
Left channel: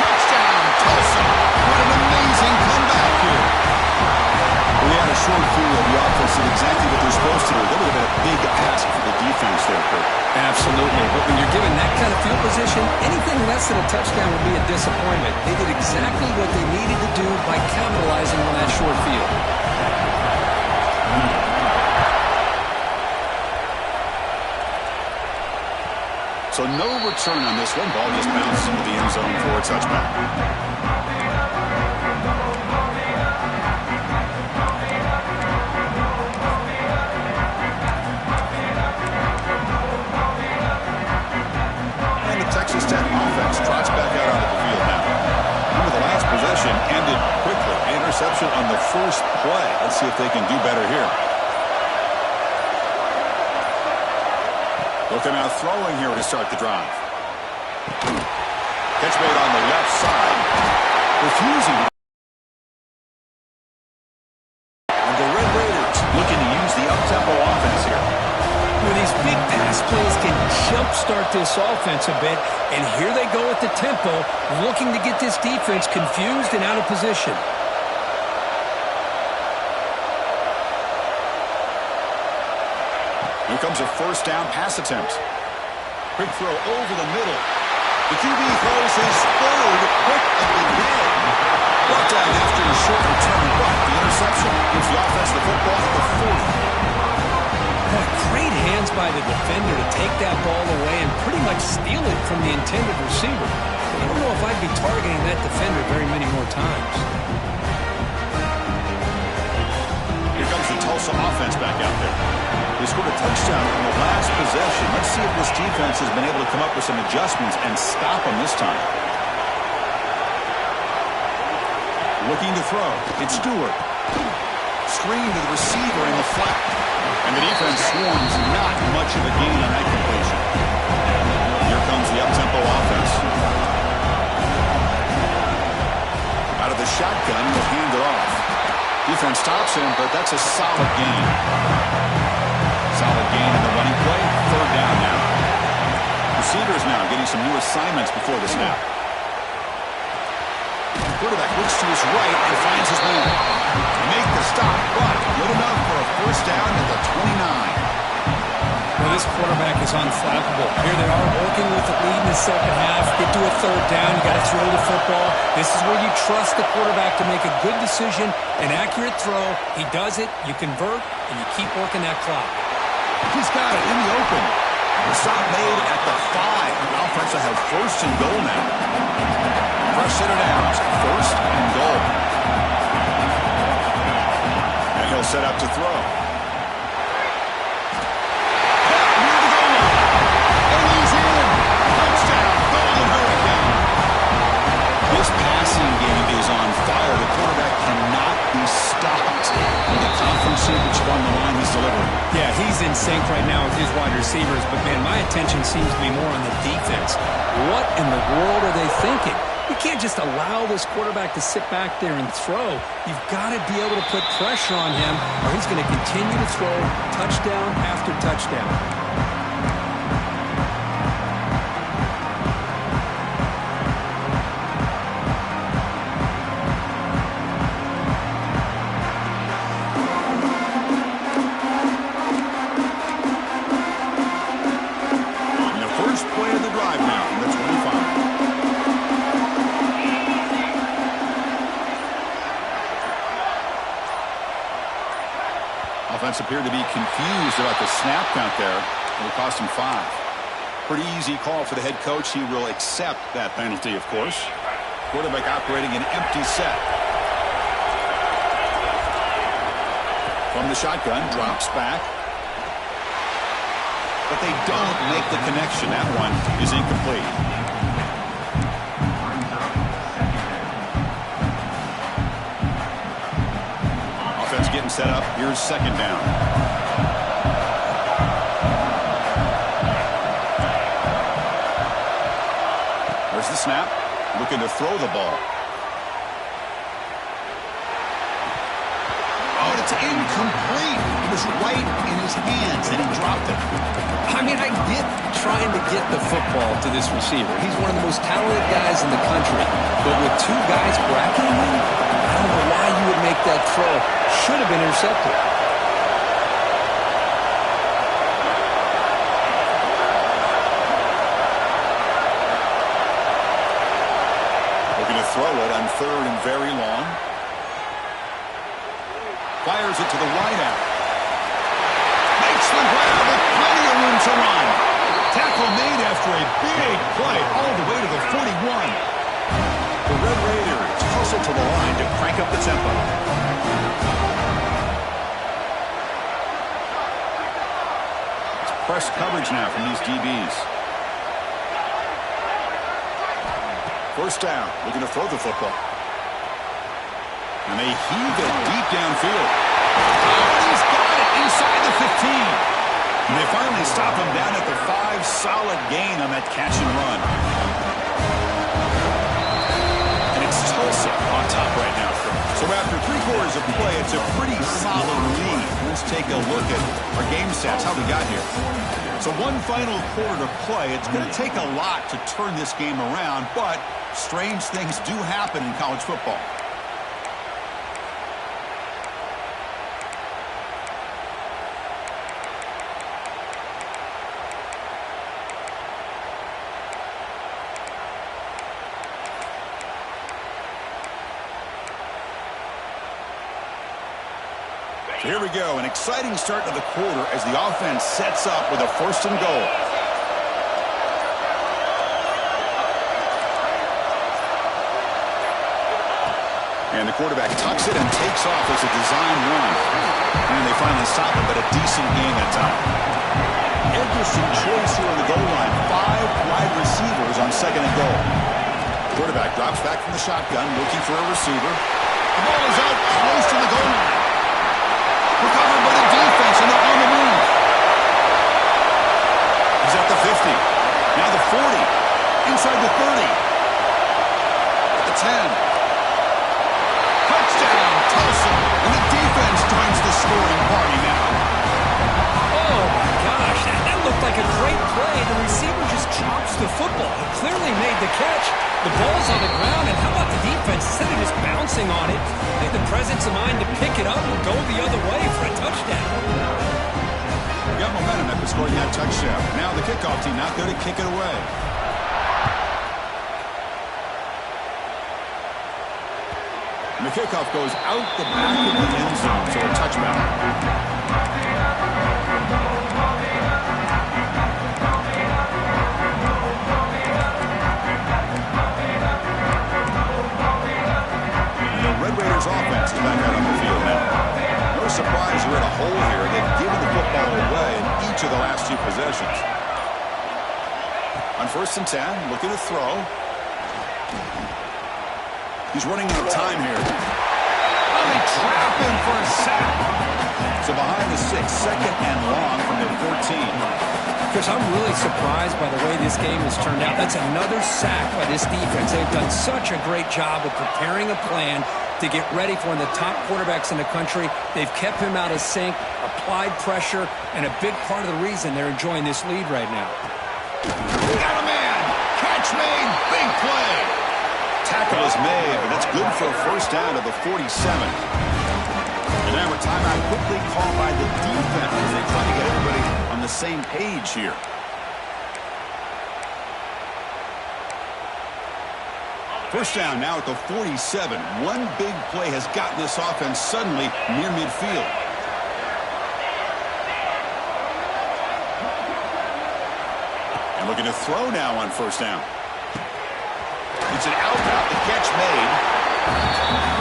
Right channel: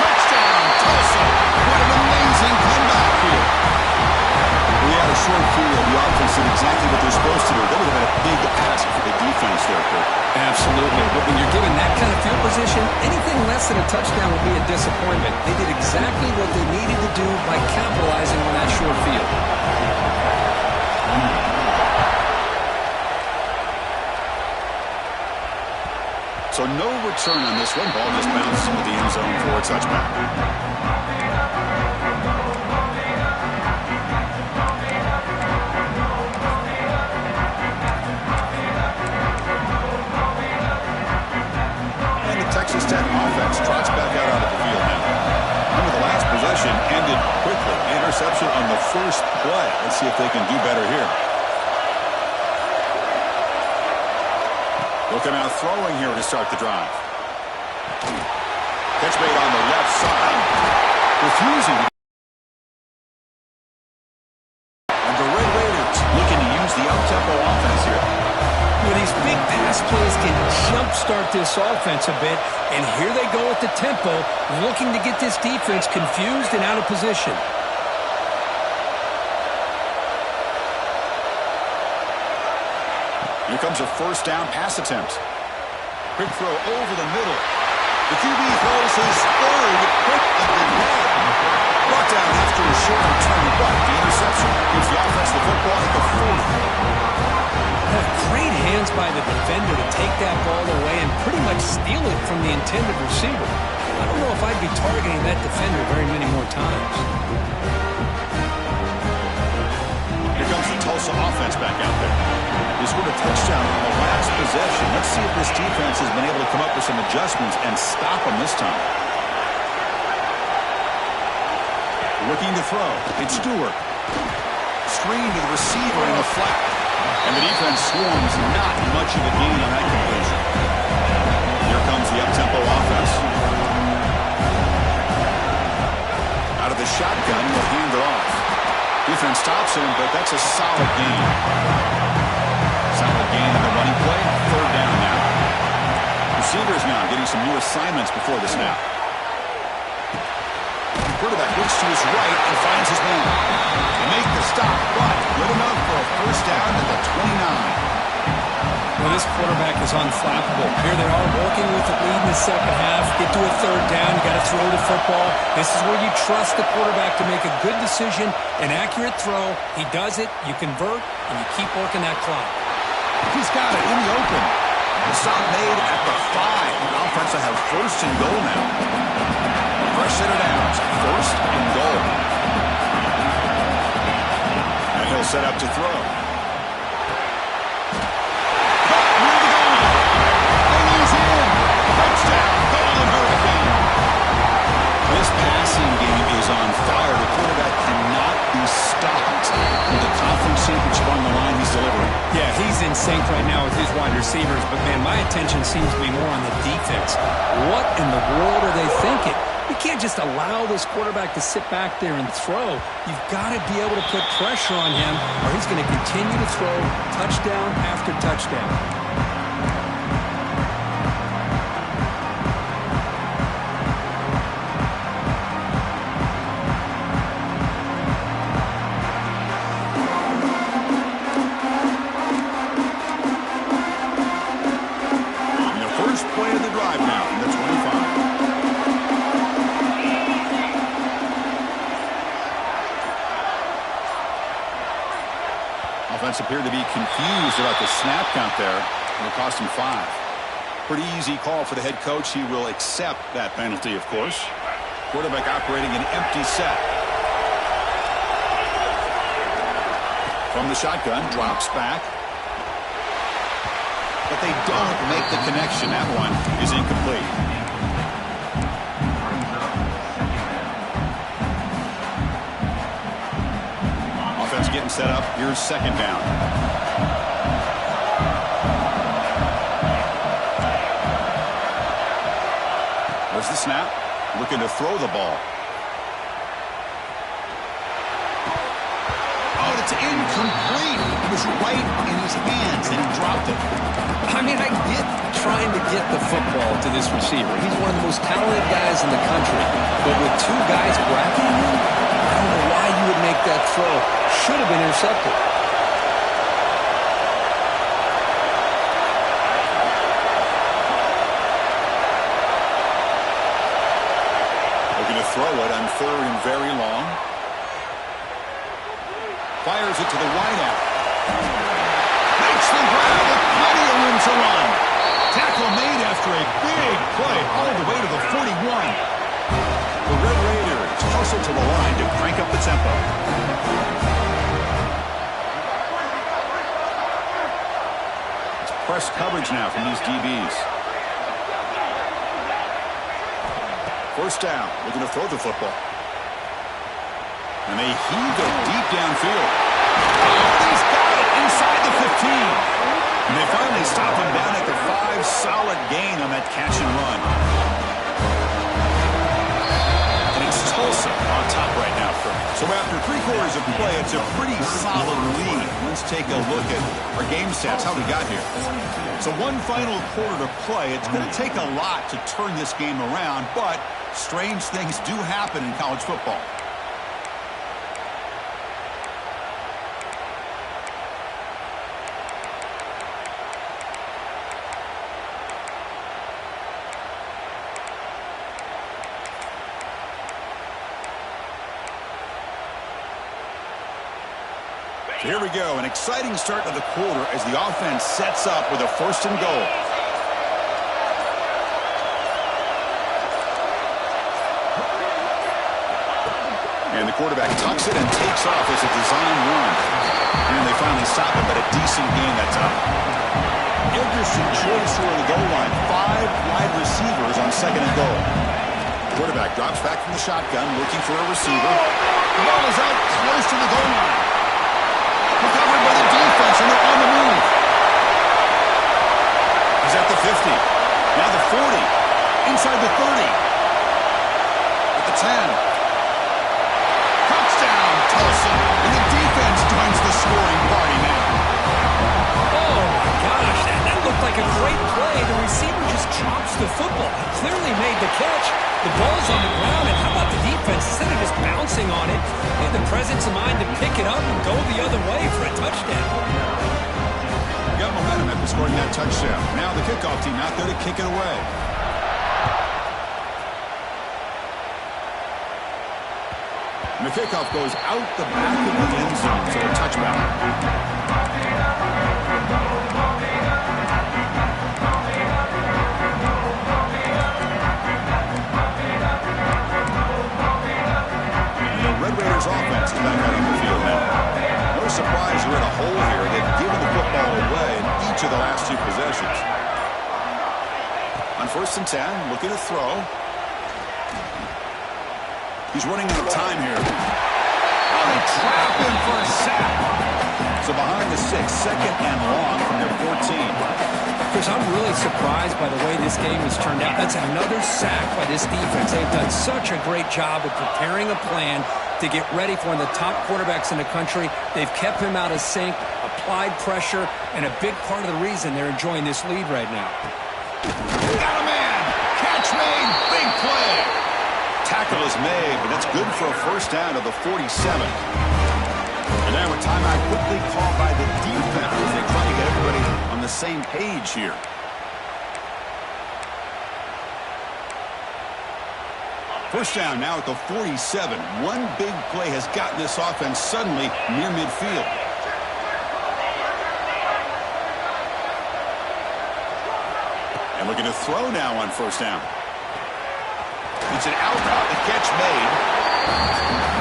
Touchdown, Tulsa. What an amazing comeback here. We had a short field. The offense did exactly what they're supposed to do. That would have been a big ask for the defense there, Kurt. Absolutely. But when you're given that kind of field position, anything less than a touchdown would be a disappointment. They did exactly what they needed to do by capitalizing on that short field. So no return on this one. Ball just bounced into the end zone for a touchback. And the Texas Tech offense trots back out onto the field now. Remember, the last possession ended quickly. Interception on the first play. Let's see if they can do better here. Looking out throwing here to start the drive. Catch made on the left side. Refusing to. And the Red Raiders looking to use the up-tempo offense here. Well, these big pass plays can jumpstart this offense a bit. And here they go at the tempo, looking to get this defense confused and out of position. Here comes a first down pass attempt. Quick throw over the middle. The QB throws his third pick of the day. Brought down after a short return, but the interception gives the offense the football at the 40. Boy, great hands by the defender to take that ball away and pretty much steal it from the intended receiver. I don't know if I'd be targeting that defender very many more times. Here comes the Tulsa offense back out there. They scored a touchdown on the last possession. Let's see if this defense has been able to come up with some adjustments and stop them this time. Looking to throw. It's Stewart. Screen to the receiver in the flat. And the defense swarms. Not much of a gain on that completion. Here comes the up-tempo offense. Out of the shotgun, he'll hand it off. Defense stops him, but that's a solid gain. Solid gain in the running play. Third down now. Receivers now getting some new assignments before the snap. Quarterback looks to his right and finds his man. They make the stop, but good enough for a first down at the 29. Well, this quarterback is unflappable. Here they are working with the lead in the second half. Get to a third down. You got to throw the football. This is where you trust the quarterback to make a good decision, an accurate throw. He does it, you convert, and you keep working that clock. He's got it in the open. The stop made at the 5. The offense will have first and goal now. Fresh set of downs. First and goal. And he'll set up to throw. Caught near the goal line. And he's in. Touchdown, Golden Hurricane. This passing game is on fire. The quarterback cannot be stopped with the conference championship on the line he's delivering. Yeah, he's in sync right now with his wide receivers, but, man, my attention seems to be more on the defense. What in the world are they thinking? You can't just allow this quarterback to sit back there and throw. You've got to be able to put pressure on him, or he's going to continue to throw touchdown after touchdown. Offense appeared to be confused about the snap count there. It'll cost him 5. Pretty easy call for the head coach. He will accept that penalty, of course. Quarterback operating an empty set. From the shotgun, drops back. But they don't make the connection. That one is incomplete. Offense getting set up. Here's second down. There's the snap. Looking to throw the ball. Oh, it's incomplete. It was right in his hands, and he dropped it. I mean, I get trying to get the football to this receiver. He's one of the most talented guys in the country. But with two guys bracketing him, I don't know why you would make that throw. Should have been intercepted. Looking to throw it on third and very long. Fires it to the wideout. Makes the grab with plenty of room to run. Tackle made after a big play all the way to the 41. The Red Raiders hustle to the line to crank up the tempo. It's press coverage now from these DBs. First down, looking to throw the football. And they heave it deep downfield. Oh, and he's got it inside the 15. And they finally stop him down at the 5. Solid gain on that catch and run. And it's Tulsa on top right now. So after 3 quarters of play, it's a pretty solid lead. Let's take a look at our game stats, how we got here. So one final quarter to play. It's going to take a lot to turn this game around, but strange things do happen in college football. So here we go, an exciting start to the quarter as the offense sets up with a 1st and goal. And the quarterback tucks it and takes off as a design run. And they finally stop him, but a decent gain that time. Interesting choice here on the goal line. 5 wide receivers on 2nd and goal. Quarterback drops back from the shotgun, looking for a receiver. The ball is out close to the goal line. Recovered by the defense, and they're on the move. He's at the 50. Now the 40. Inside the 30. At the 10. Touchdown, Tulsa. And the defense joins the scoring party now. Oh, my gosh. That looked like a great play. The receiver just chops the football. He clearly made the catch. The ball's on the ground, and how about the defense? Instead of just bouncing on it, they had the presence of mind to pick it up and go the other way for a touchdown. We got momentum after scoring that touchdown. Now the kickoff team out there to kick it away. And the kickoff goes out the back of the end zone, so a touchback. Red Raiders offense is back out on the field now. No surprise they're in a hole here. They've given the football away in each of the last 2 possessions. On 1st and 10, looking to throw. He's running out of time here. Oh, they trap him for a sack. So behind the 6, second and long from their 14. Chris, I'm really surprised by the way this game has turned out. That's another sack by this defense. They've done such a great job of preparing a plan to get ready for one of the top quarterbacks in the country. They've kept him out of sync, applied pressure, and a big part of the reason they're enjoying this lead right now. Got a man. Catch made. Big play. Tackle is made, but that's good for a first down to the 47. And now a timeout quickly called by the defense as they try to get everybody on the same page here. First down now at the 47. One big play has gotten this offense suddenly near midfield. And looking to throw now on first down. It's an out route, the catch made.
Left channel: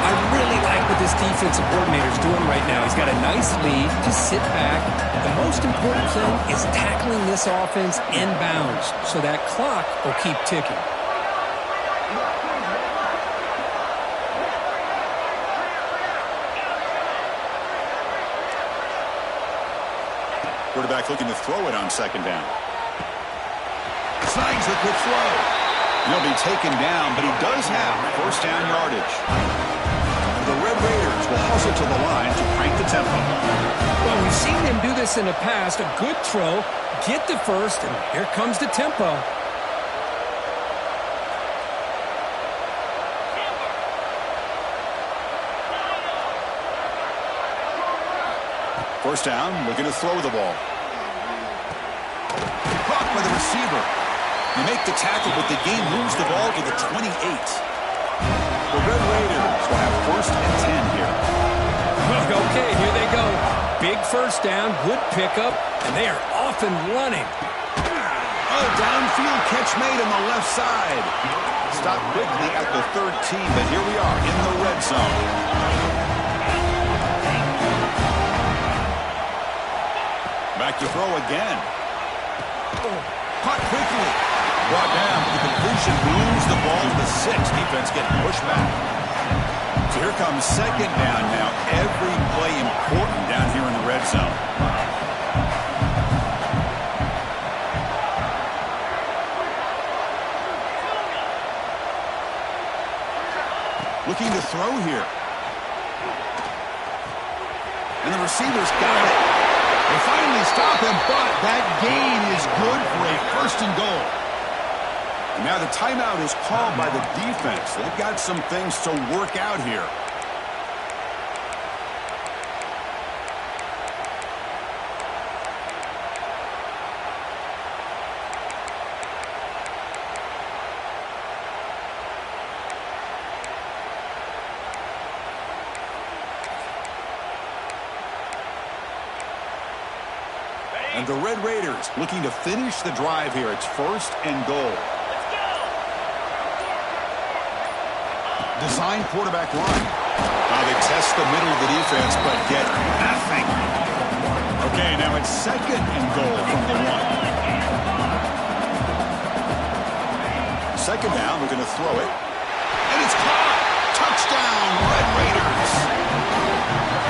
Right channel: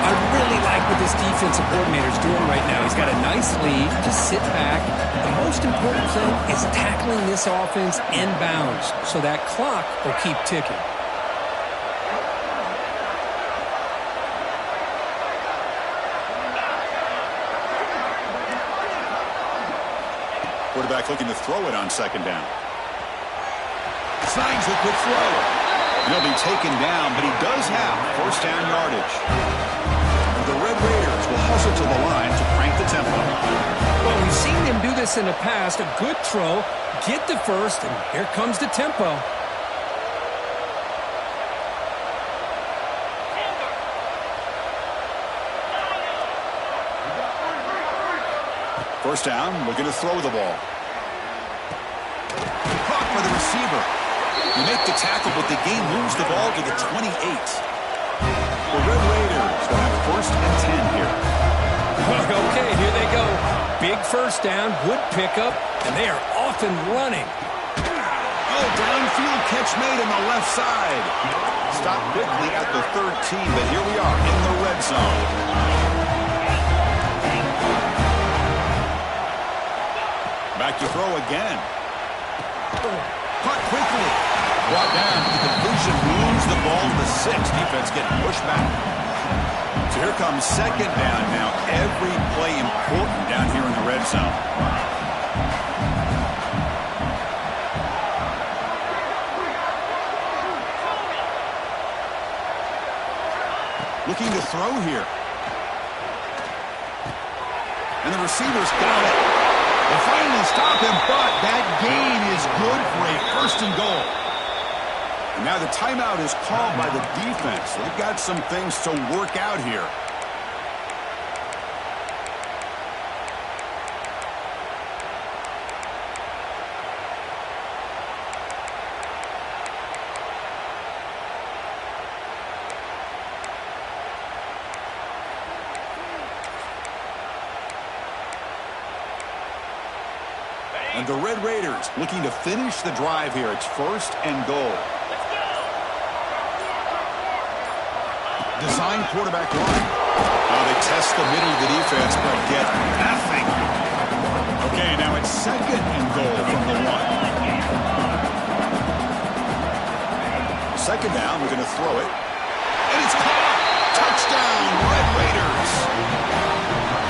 I really like what this defensive coordinator is doing right now. He's got a nice lead. Just sit back. The most important thing is tackling this offense inbounds so that clock will keep ticking. Quarterback looking to throw it on second down. Snags the quick throw. And he'll be taken down, but he does have first down yardage. And the Red Raiders will hustle to the line to crank the tempo. Well, we've seen them do this in the past. A good throw, get the first, and here comes the tempo. First down, looking to throw the ball. Caught by the receiver. You make the tackle, but the game moves the ball to the 28. The Red Raiders will have first and 10 here. Okay, here they go. Big first down, good pickup, and they are off and running. Oh, downfield catch made on the left side. Stopped quickly at the 13, but here we are in the red zone. Back to throw again. Caught quickly. Brought down, but the completion moves the ball to the 6. Defense getting pushed back. So here comes second down now. Every play important down here in the red zone. Looking to throw here. And the receivers got it. They finally stop him, but that gain is good for a first and goal. And now the timeout is called by the defense. They've got some things to work out here. And the Red Raiders looking to finish the drive here. It's first and goal. Design quarterback run. They test the middle of the defense, but get nothing. Okay, now it's second and goal from the 1. Second down, we're going to throw it. And it's caught. Touchdown, Red Raiders.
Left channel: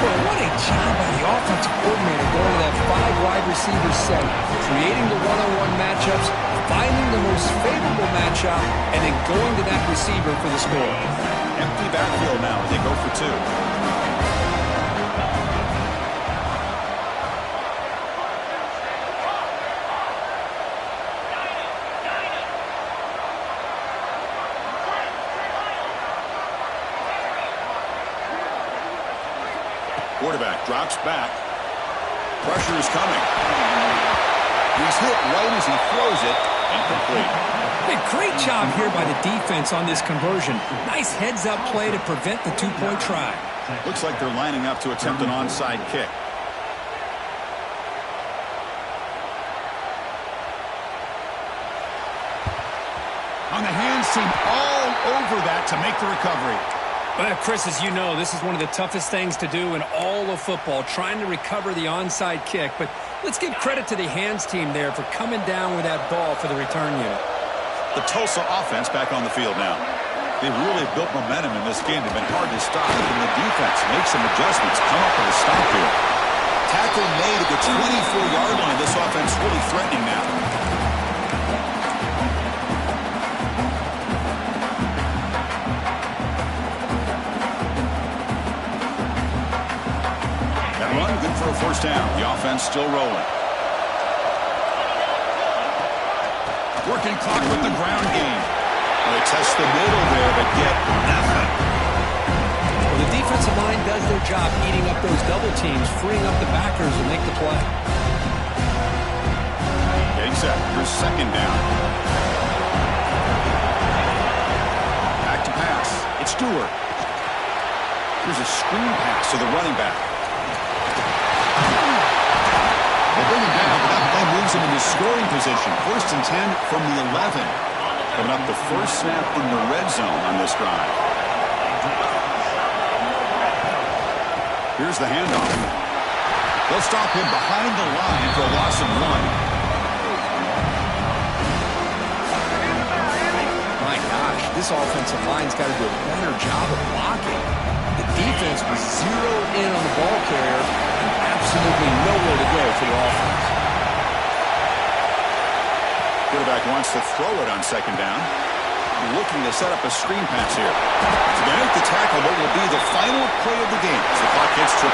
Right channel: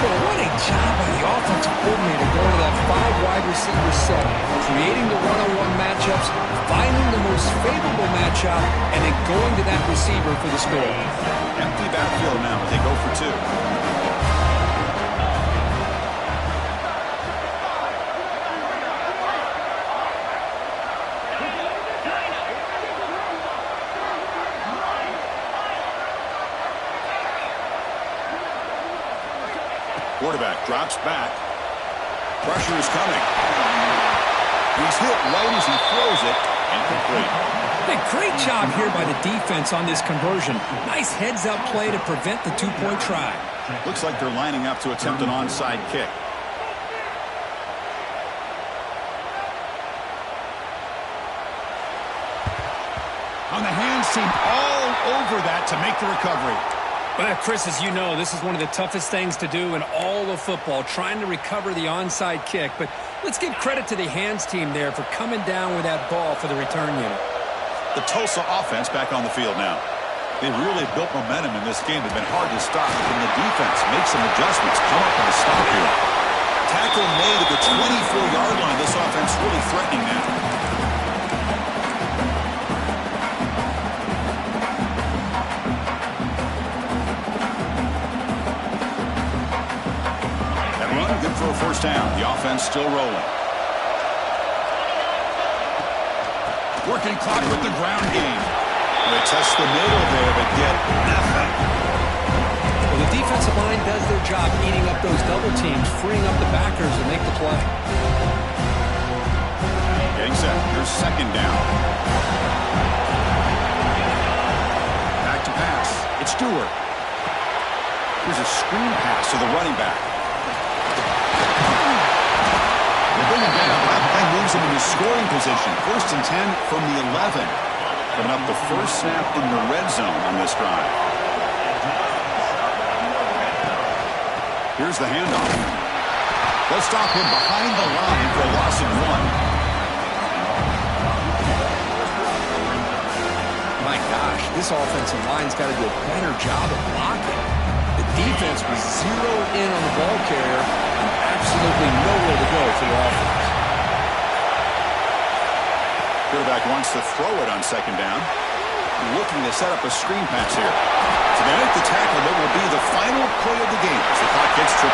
Well, what a job by the offensive coordinator going to that 5 wide receiver set, creating the one-on-one matchups, finding the most favorable matchup, and then going to that receiver for the score. Empty backfield now as they go for 2. Quarterback drops back. Pressure is coming. He's hit right as he throws it. Incomplete. Hey, great job here by the defense on this conversion. Nice heads-up play to prevent the 2-point try. Looks like they're lining up to attempt an onside kick. On the hands team all over that to make the recovery. Well, Chris, as you know, this is one of the toughest things to do in all of football, trying to recover the onside kick. But let's give credit to the hands team there for coming down with that ball for the return unit. The Tulsa offense back on the field now. They've really built momentum in this game. They've been hard to stop. Can the defense make some adjustments, come up with a stop here? Tackle made at the 24-yard line. This offense really threatening now. That run, good for a first down. The offense still rolling. Working clock with the ground game. Well, they touch the middle there, but get nothing. Well, the defensive line does their job eating up those double teams, freeing up the backers to make the play. Getting set. Here's second down. Back to pass. It's Stewart. Here's a screen pass to the running back. They bring him down, but that play moves him into scoring position. 1st and 10 from the 11. Coming up the first snap in the red zone on this drive. Here's the handoff. They'll stop him behind the line for a loss of 1. My gosh, this offensive line's got to do a better job of blocking. The defense was zeroed in on the ball carrier and absolutely nowhere to go for the offense. Quarterback wants to throw it on second down. Looking to set up a screen pass here. So they make the tackle what will be the final play of the game as the clock hits 0-0.